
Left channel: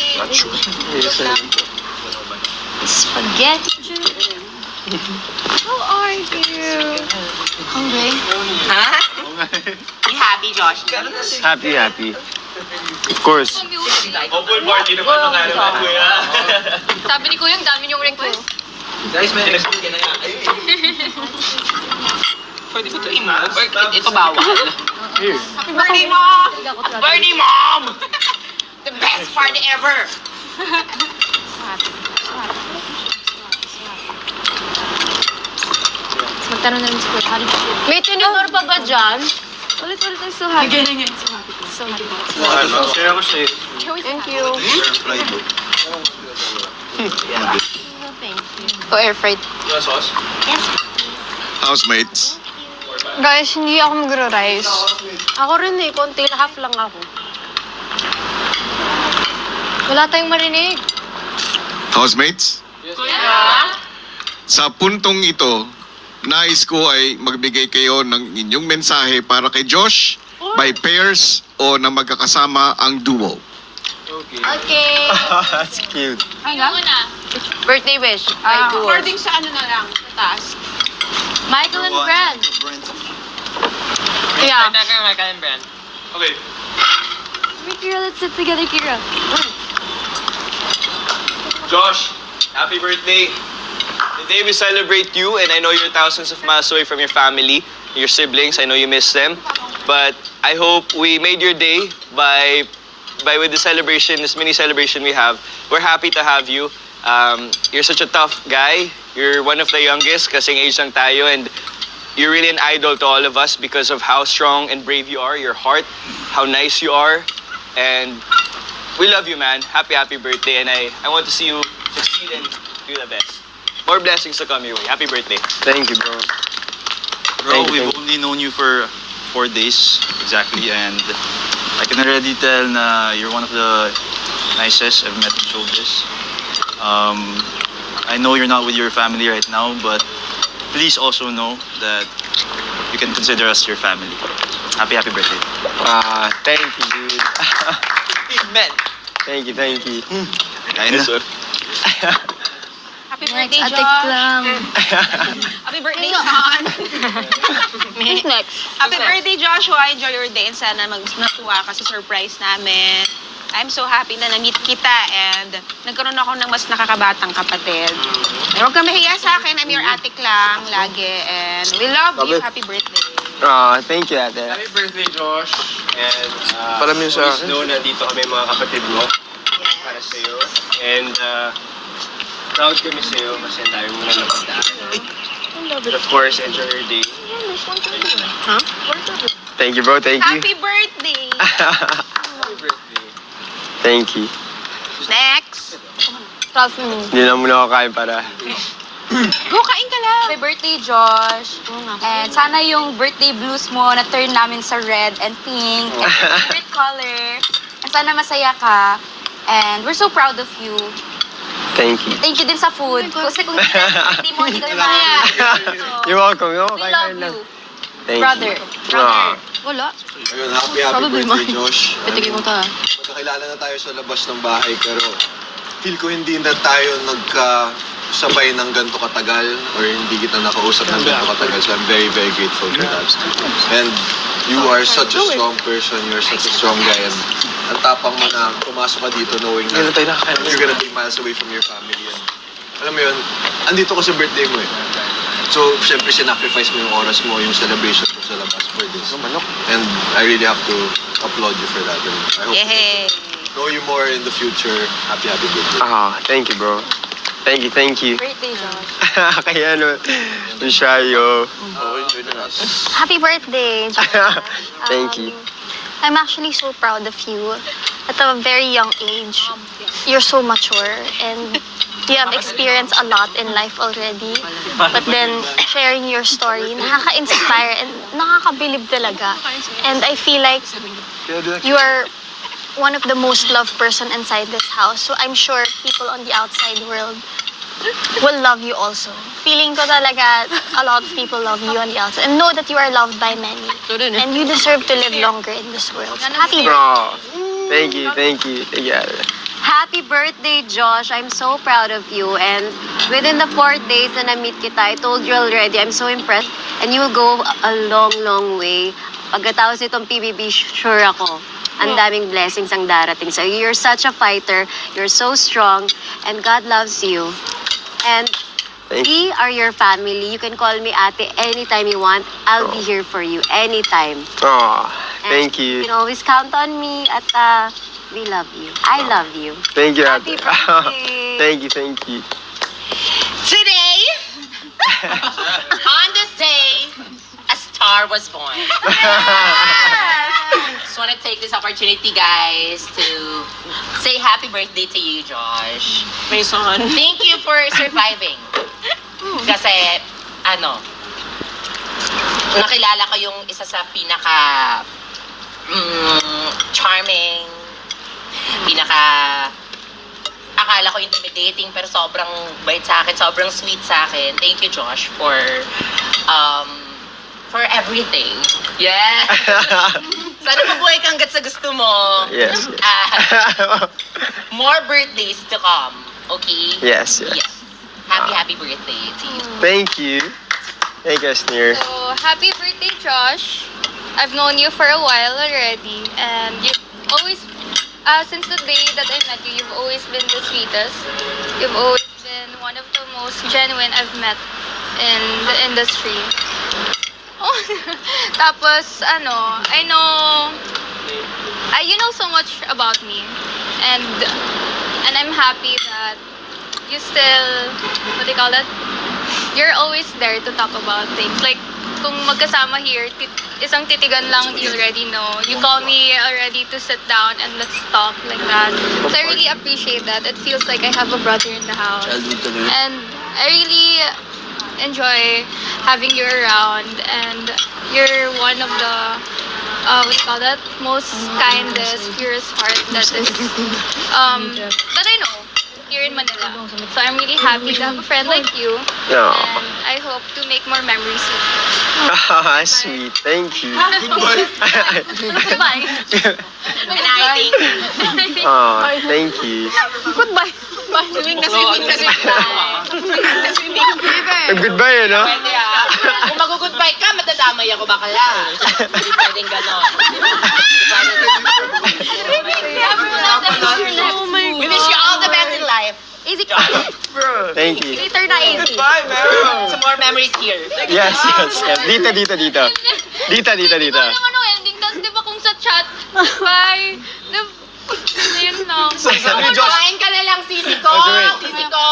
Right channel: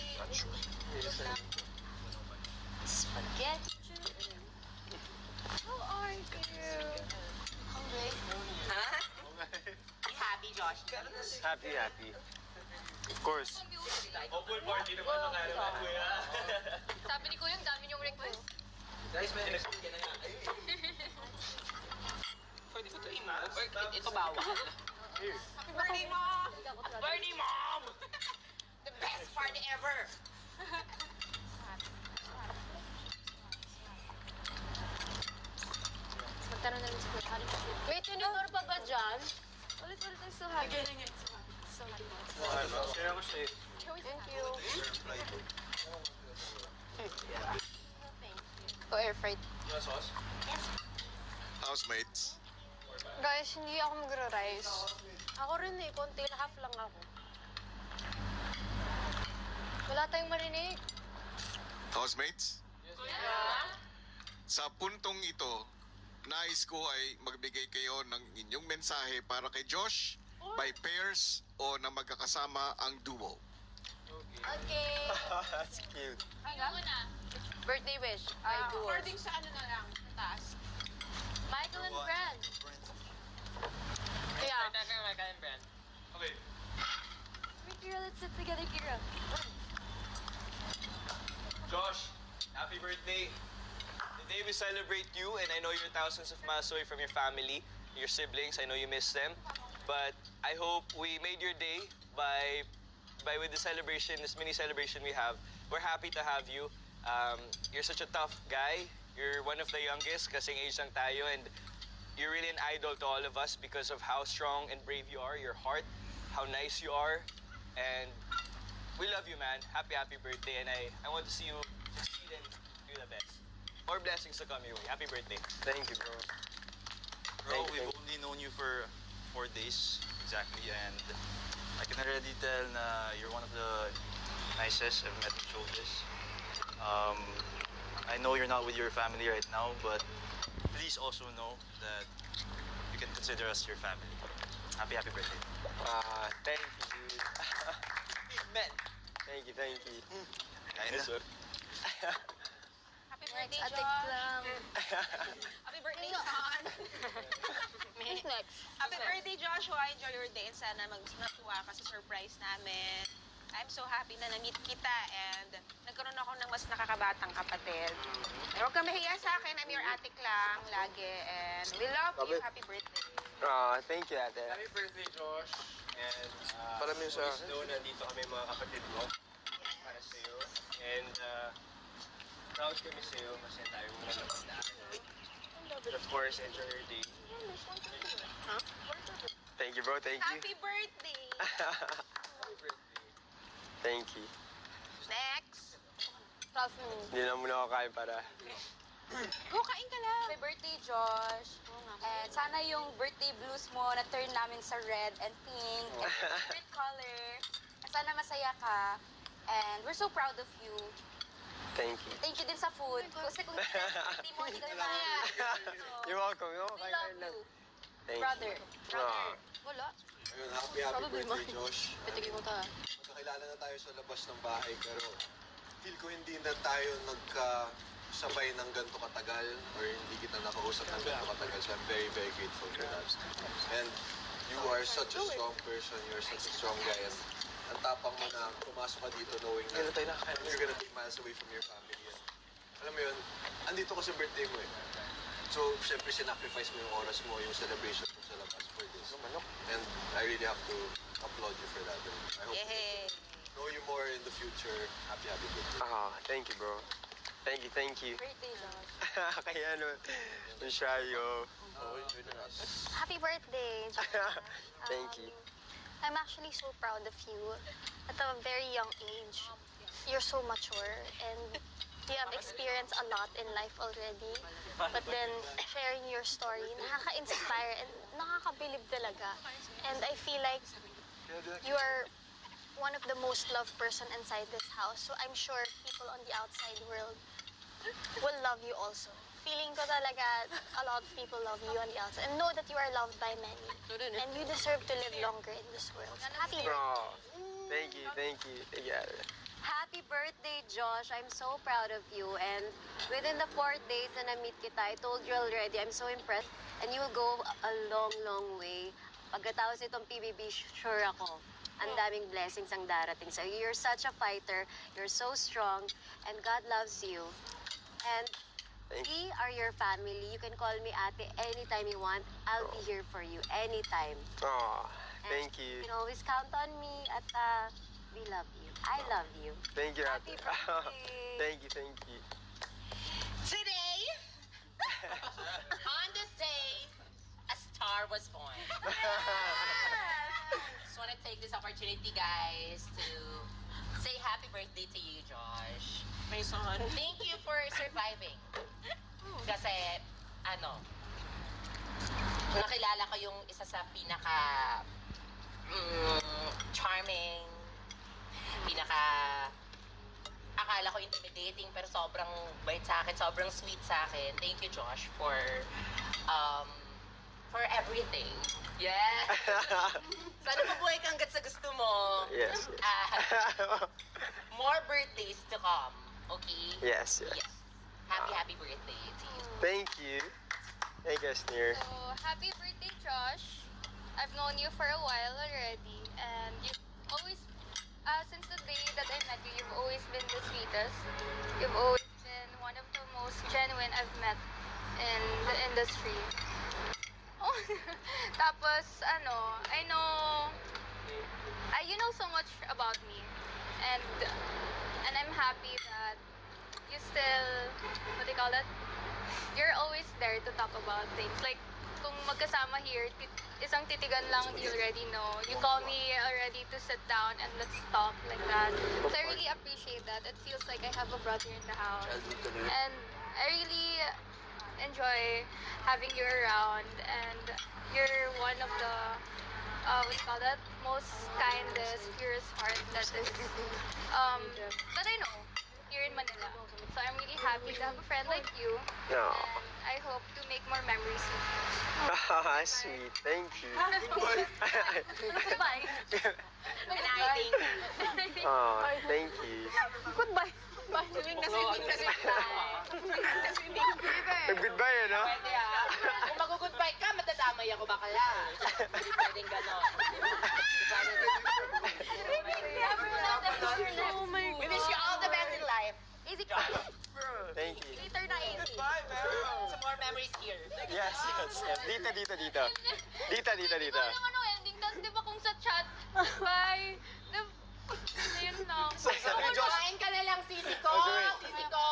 Spaghetti. How are you? Hungry? Ha? Be happy, Josh. Happy. Of course. Oh, pool party naman mga naman, kuya. Sabi ni Kuya, ang dami niyong request. Guys, may nag-sweet ka na nga. Pwede ko ito i-move? Ito bawal. Here. Birthday, Mom! Birthday, Mom! The best party ever! Magtanong na rin si Kuya, how did you feel? May tinidor pa ba dyan? Ulit-ulit tayo so happy. So happy. Share ako sa'yo. Thank you. O air fried. You want sauce? Housemates. Guys, hindi ako magro-rice. Ako rin eh. Konti na half lang ako. Wala tayong marinig. Housemates? Sa puntong ito, nais ko ay magbigay kayo ng inyong mensahe para kay Josh by pairs o na magkakasama ang duo. Okay. That's cute. Birthday wish. Ay, duo. According sa ano na lang, sa taas. Michael and Brad. Yeah. Okay. Kira, let's sit together, Kira. Josh, happy birthday. Today we celebrate you, and I know you're thousands of miles away from your family, your siblings. I know you miss them. But I hope we made your day by with the celebration, this mini celebration we have. We're happy to have you. You're such a tough guy. You're one of the youngest, kasing age lang tayo, and you're really an idol to all of us because of how strong and brave you are, your heart, how nice you are, and we love you, man. Happy birthday, and I want to see you succeed and do the best. More blessings to come your way. Happy birthday. Thank you, bro. Bro, we've only known you for 4 days exactly, and I can already tell na you're one of the nicest I've met in showbiz. I know you're not with your family right now, but please also know that you can consider us your family. Happy birthday. Thank you, dude. Men. Thank you. Kain na. Happy birthday, Atik Josh. lang. Happy birthday, Sean. Who's next? Happy birthday, Joshua. Enjoy your day and sana natuwa ka sa surprise namin. I'm so happy na na-meet kita and nagkaroon ako ng mas nakakabatang kapatid. Pero huwag ka mahiya sa akin. I'm your atik lang lagi and we love you. Happy birthday. Thank you, ate. Happy birthday, Josh. And Palamin sa please akin. know na dito kami mga kapatid mo para sa'yo. And proud kami sa'yo kasi tayo muna napagdaan. But of course, enjoy your day. Thank you, bro. Thank you. Happy birthday. Happy birthday. Thank you. Next. Hindi na muna ako kain para... Go, kain ka lang. Happy birthday, Josh. And sana yung birthday blues mo na turn namin sa red and pink and favorite color. And sana masaya ka. And we're so proud of you. Thank you. Thank you din sa food. Kasi kung hindi mo, hindi kami masaya. You're welcome. We love you. Thank Brother. you. Wala. Ayun, happy birthday, Josh. Patigil mo ta. Magkakilala na tayo sa labas ng bahay, pero feel ko hindi na tayo nagkasabay ng ganito katagal or hindi kita nakausap ng ganito katagal. So I'm very, very grateful for that. And you are such a strong person. You're such a strong guy. And ang tapang mo na pumasok ka dito knowing na you're gonna be miles away from your family. And alam mo yun, andito ka sa birthday mo eh. So, syempre, sinacrifice mo yung oras mo, yung celebration mo sa labas for this. And I really have to applaud you for that. And I hope Yay. to know you more in the future. Happy birthday. Thank you, bro. Thank you. Birthday, Josh. Kaya ano, yung shayo. Happy birthday, Josh. Thank you. I'm actually so proud of you. At a very young age, you're so mature and you have experienced a lot in life already. But then, sharing your story, nakaka-inspire and nakakabilib talaga. And I feel like you are one of the most loved person inside this house. So I'm sure people on the outside world will love you also. Feeling ko talaga a lot of people love you on the outside. And know that you are loved by many. And you deserve to live longer in this world. So happy birthday. Thank you. Happy birthday, Josh. I'm so proud of you. And within the 4 days na na-meet kita, I told you already, I'm so impressed. And you will go a long, long way. Pagkatapos itong PBB, sure ako, ang daming blessings ang darating sa'yo. You're such a fighter. You're so strong. And God loves you. And we are your family. You can call me ate anytime you want. I'll be here for you anytime. Thank you. You can always count on me at we love you. I love you. Thank you, Happy ate. birthday. Thank you. Today, on this day, a star was born. Just want to take this opportunity, guys, to say happy birthday to you, Josh. Mason. Thank you for surviving. Kasi, nakilala ko yung isa sa pinaka charming, akala ko intimidating, pero sobrang bait sa akin, sobrang sweet sa akin. Thank you, Josh, for everything. Yeah. Sana mabuhay ka hanggat sa gusto mo. Yes. More birthdays to come. Okay? Yes. Happy birthday to you. Thank you. Thank you, Asnir. So, happy birthday, Josh. I've known you for a while already, and you've always, since the day that I met you, you've always been the sweetest. You've always been one of the most genuine I've met in the industry. Tapos, I know, you know so much about me, and I'm happy that you still, what do you call it? You're always there to talk about things. Like, kung magkasama here, isang titigan lang, you already know. You call me already to sit down and let's talk like that. So I really appreciate that. It feels like I have a brother in the house. And I really enjoy having you around. And you're one of the, what do you call that? Most kindest, purest heart that is, that I know. here in Manila. So I'm really happy to have a friend like you. No. And I hope to make more memories with you. Ah, sweet. Thank you. Bye. And I think, Oh, thank you. Goodbye. Bye. swimming na swimming na swimming. Goodbye, no? Pwede Kung mag-goodbye ka, matadamay ako bakala. Hindi pwedeng gano'n. We wish you all the best in life. Easy. Thank you. Later na easy. Some more memories here. Yes, yes, yes. Dito. Dito. Ano ending? Tapos di ba kung sa chat, bye. Ayun lang. Kumain ka na lang, sisi ko. Sisi ko.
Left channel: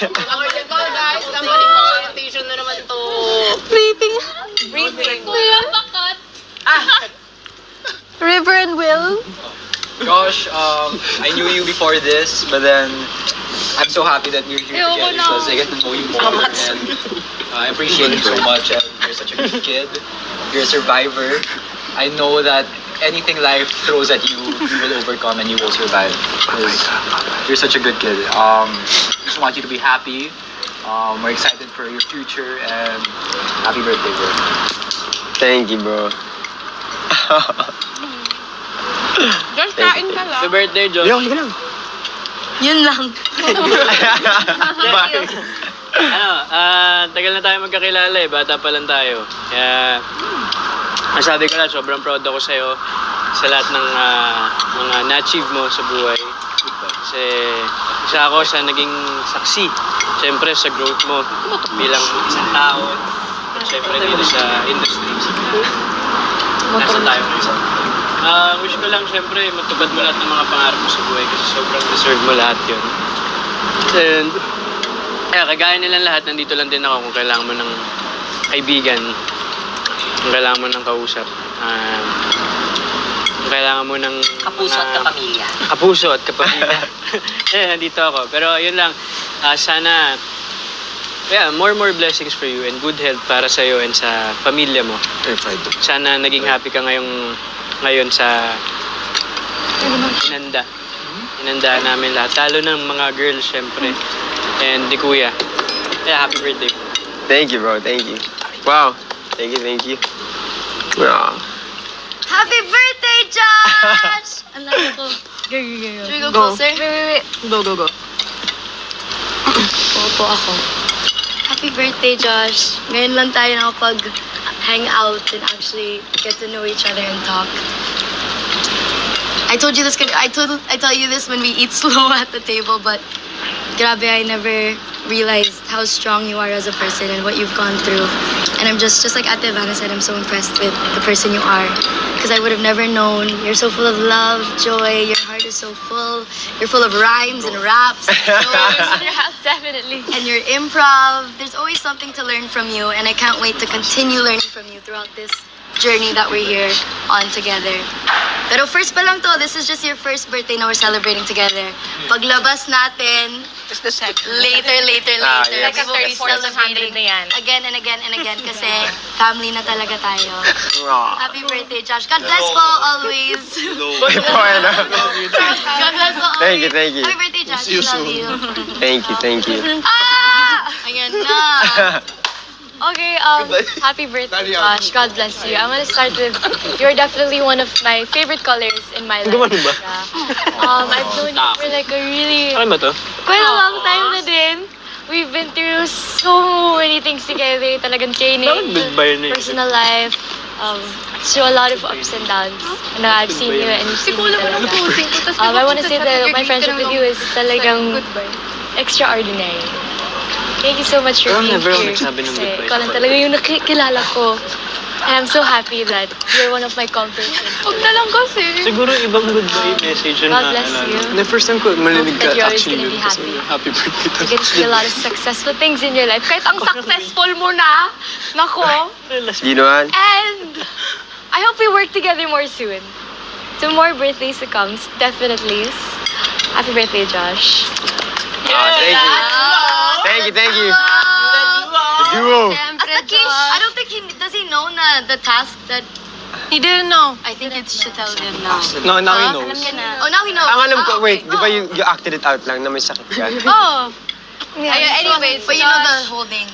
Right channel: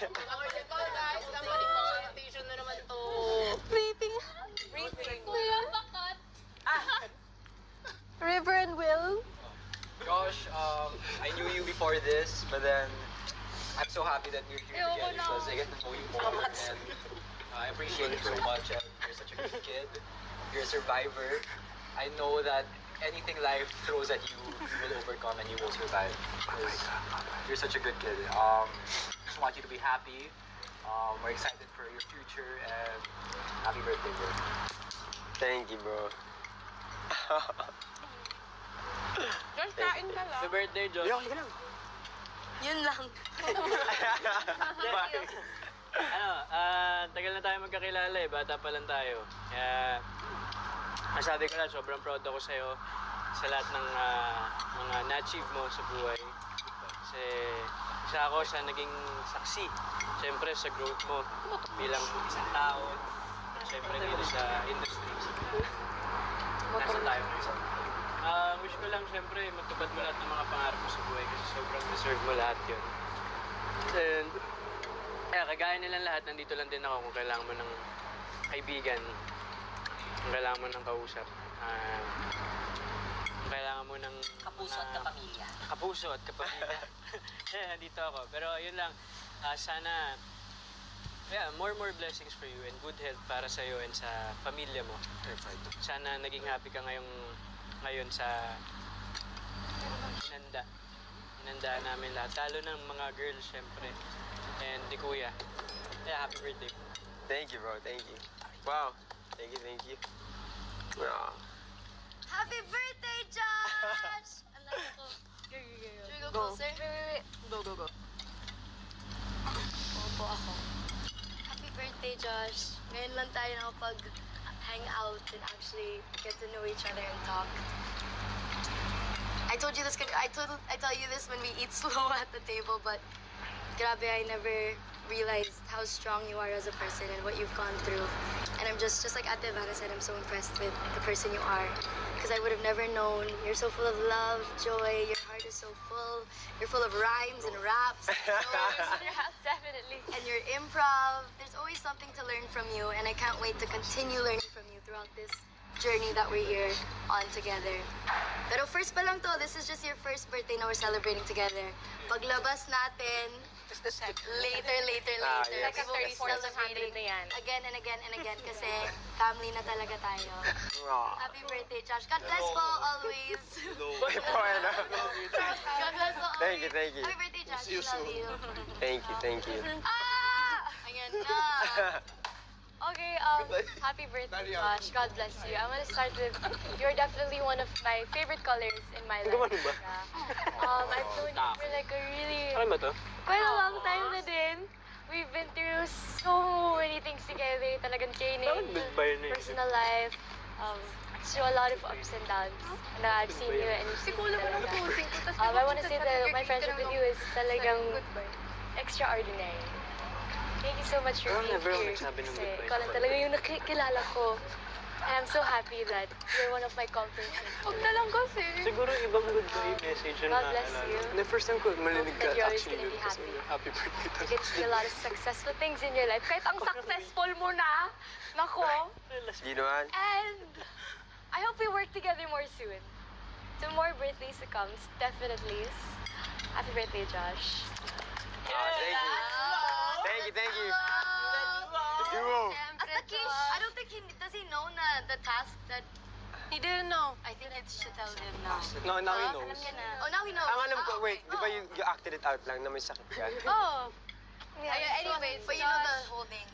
Okay, go guys. Kamali mo orientation na naman to. Briefing. Kuya, bakat. River and Will. Gosh, I knew you before this, but then I'm so happy that we're here Ayoko together na. because I get to know you more. And I appreciate you so much. And you're such a good kid. You're a survivor. I know that anything life throws at you, you will overcome and you will survive. 'Cause you're such a good kid. Just want you to be happy. We're excited for your future and happy birthday, bro. Thank you, bro. Josh, kain ka lang. Happy birthday, John. Yo, ka lang. Yun lang. Bye. Tagal na tayo magkakilala eh. Bata pa lang tayo. Kaya, masabi ko na, sobrang proud ako sa'yo sa lahat ng mga na-achieve mo sa buhay. Kasi isa ako sa naging saksi. Siyempre sa growth mo bilang isang tao. At siyempre dito sa industry. Nasa tayo ngayon. Wish ko lang siyempre matupad mo lahat ng mga pangarap mo sa buhay kasi sobrang deserve mo lahat yun. And kagaya nilang lahat, nandito lang din ako kung kailangan mo ng kaibigan, kung kailangan mo ng kausap, kung kailangan mo ng Kapuso at kapamilya. Kapuso at kapamilya. Nandito ako. Pero yun lang, sana more blessings for you and good health para sa iyo and sa pamilya mo. Sana naging happy ka ngayon sa inanda namin lahat. Lalo ng mga girls, syempre. And ni Kuya. Happy birthday. Thank you, bro. Thank you. Wow. Thank you. Wow. Happy birthday, Josh! Ang laki ko. Should we go closer? Wait. Go. Opo ako. Happy birthday, Josh. Ngayon lang tayo nakapag-hang out and actually get to know each other and talk. I told you this. I tell you this when we eat slow at the table, but grabe, I never realized how strong you are as a person and what you've gone through. And I'm just like Ate Vanna said, I'm so impressed with the person you are. Because I would have never known. You're so full of love, joy. Your heart is so full. You're full of rhymes and raps and jokes. Yeah, definitely. And your improv. There's always something to learn from you. And I can't wait to continue learning from you throughout this journey that we're here on together. Pero first pa lang to, this is just your first birthday na we're celebrating together. Paglabas natin, It's the second. later, yes. we will be 3400 celebrating na yan. again and again and again kasi family na talaga tayo. Wow. Happy birthday, Josh. God bless po always. Okay na. God bless po always. Thank you. Happy birthday, Josh. We love you. Thank you. Ayan na. Okay, happy birthday, Josh. God bless you. I'm gonna start with, you're definitely one of my favorite colors in my life. Yeah. I've known you for like a really, Ano ba to? quite a long time na din. We've been through so many things together. Talagang training, Goodbye na yun. personal life, through a lot of ups and downs. And I've seen you and you've seen me talaga. I want to say that my friendship with you is talagang extraordinary. Thank you so much for Pero being never ako here. nagsabi ng Kasi goodbye. ikaw lang talaga yung nakikilala ko. And I'm so happy that you're one of my comfort friends. Huwag na lang kasi. Siguro ibang goodbye message na God bless you. The first time ko marinig That ka you're always actually gonna be yun kasi happy. happy birthday. You get to see a lot of successful things in your life. Kahit ang successful mo na. Nako. You know what? And I hope we work together more soon. To more birthdays to come, definitely. Happy birthday, Josh. Thank you. The duo. As a kiss, I don't think does he know na the task that He didn't know. I think it's should tell him now. No, now he knows. Oh, now he knows. Ang alam ko, wait, di ba you acted it out lang na may sakit ka? Oh. Yeah, Anyways, but you know the whole thing.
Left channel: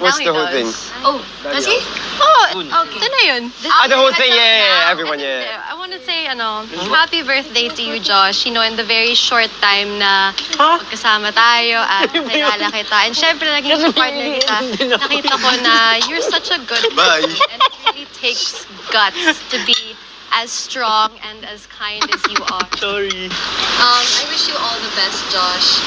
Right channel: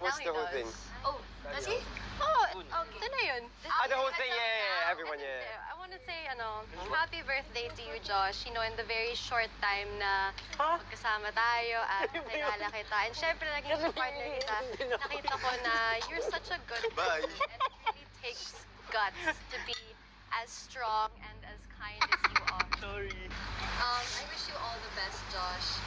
What's the whole thing? Oh, does he? Oh, okay. Ito na yun. The whole thing, yeah, everyone, yeah. I want to say, happy birthday to you, Josh. You know, in the very short time na magkasama tayo at nakilala kita. And syempre, naging partner kita. Nakita ko na you're such a good Bye. person. And it really takes guts to be as strong and as kind as you are. Sorry. I wish you all the best, Josh.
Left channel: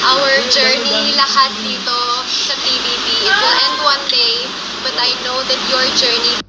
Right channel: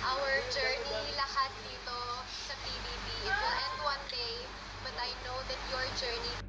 Our journey, lahat dito sa TVP, it will end one day. But I know that your journey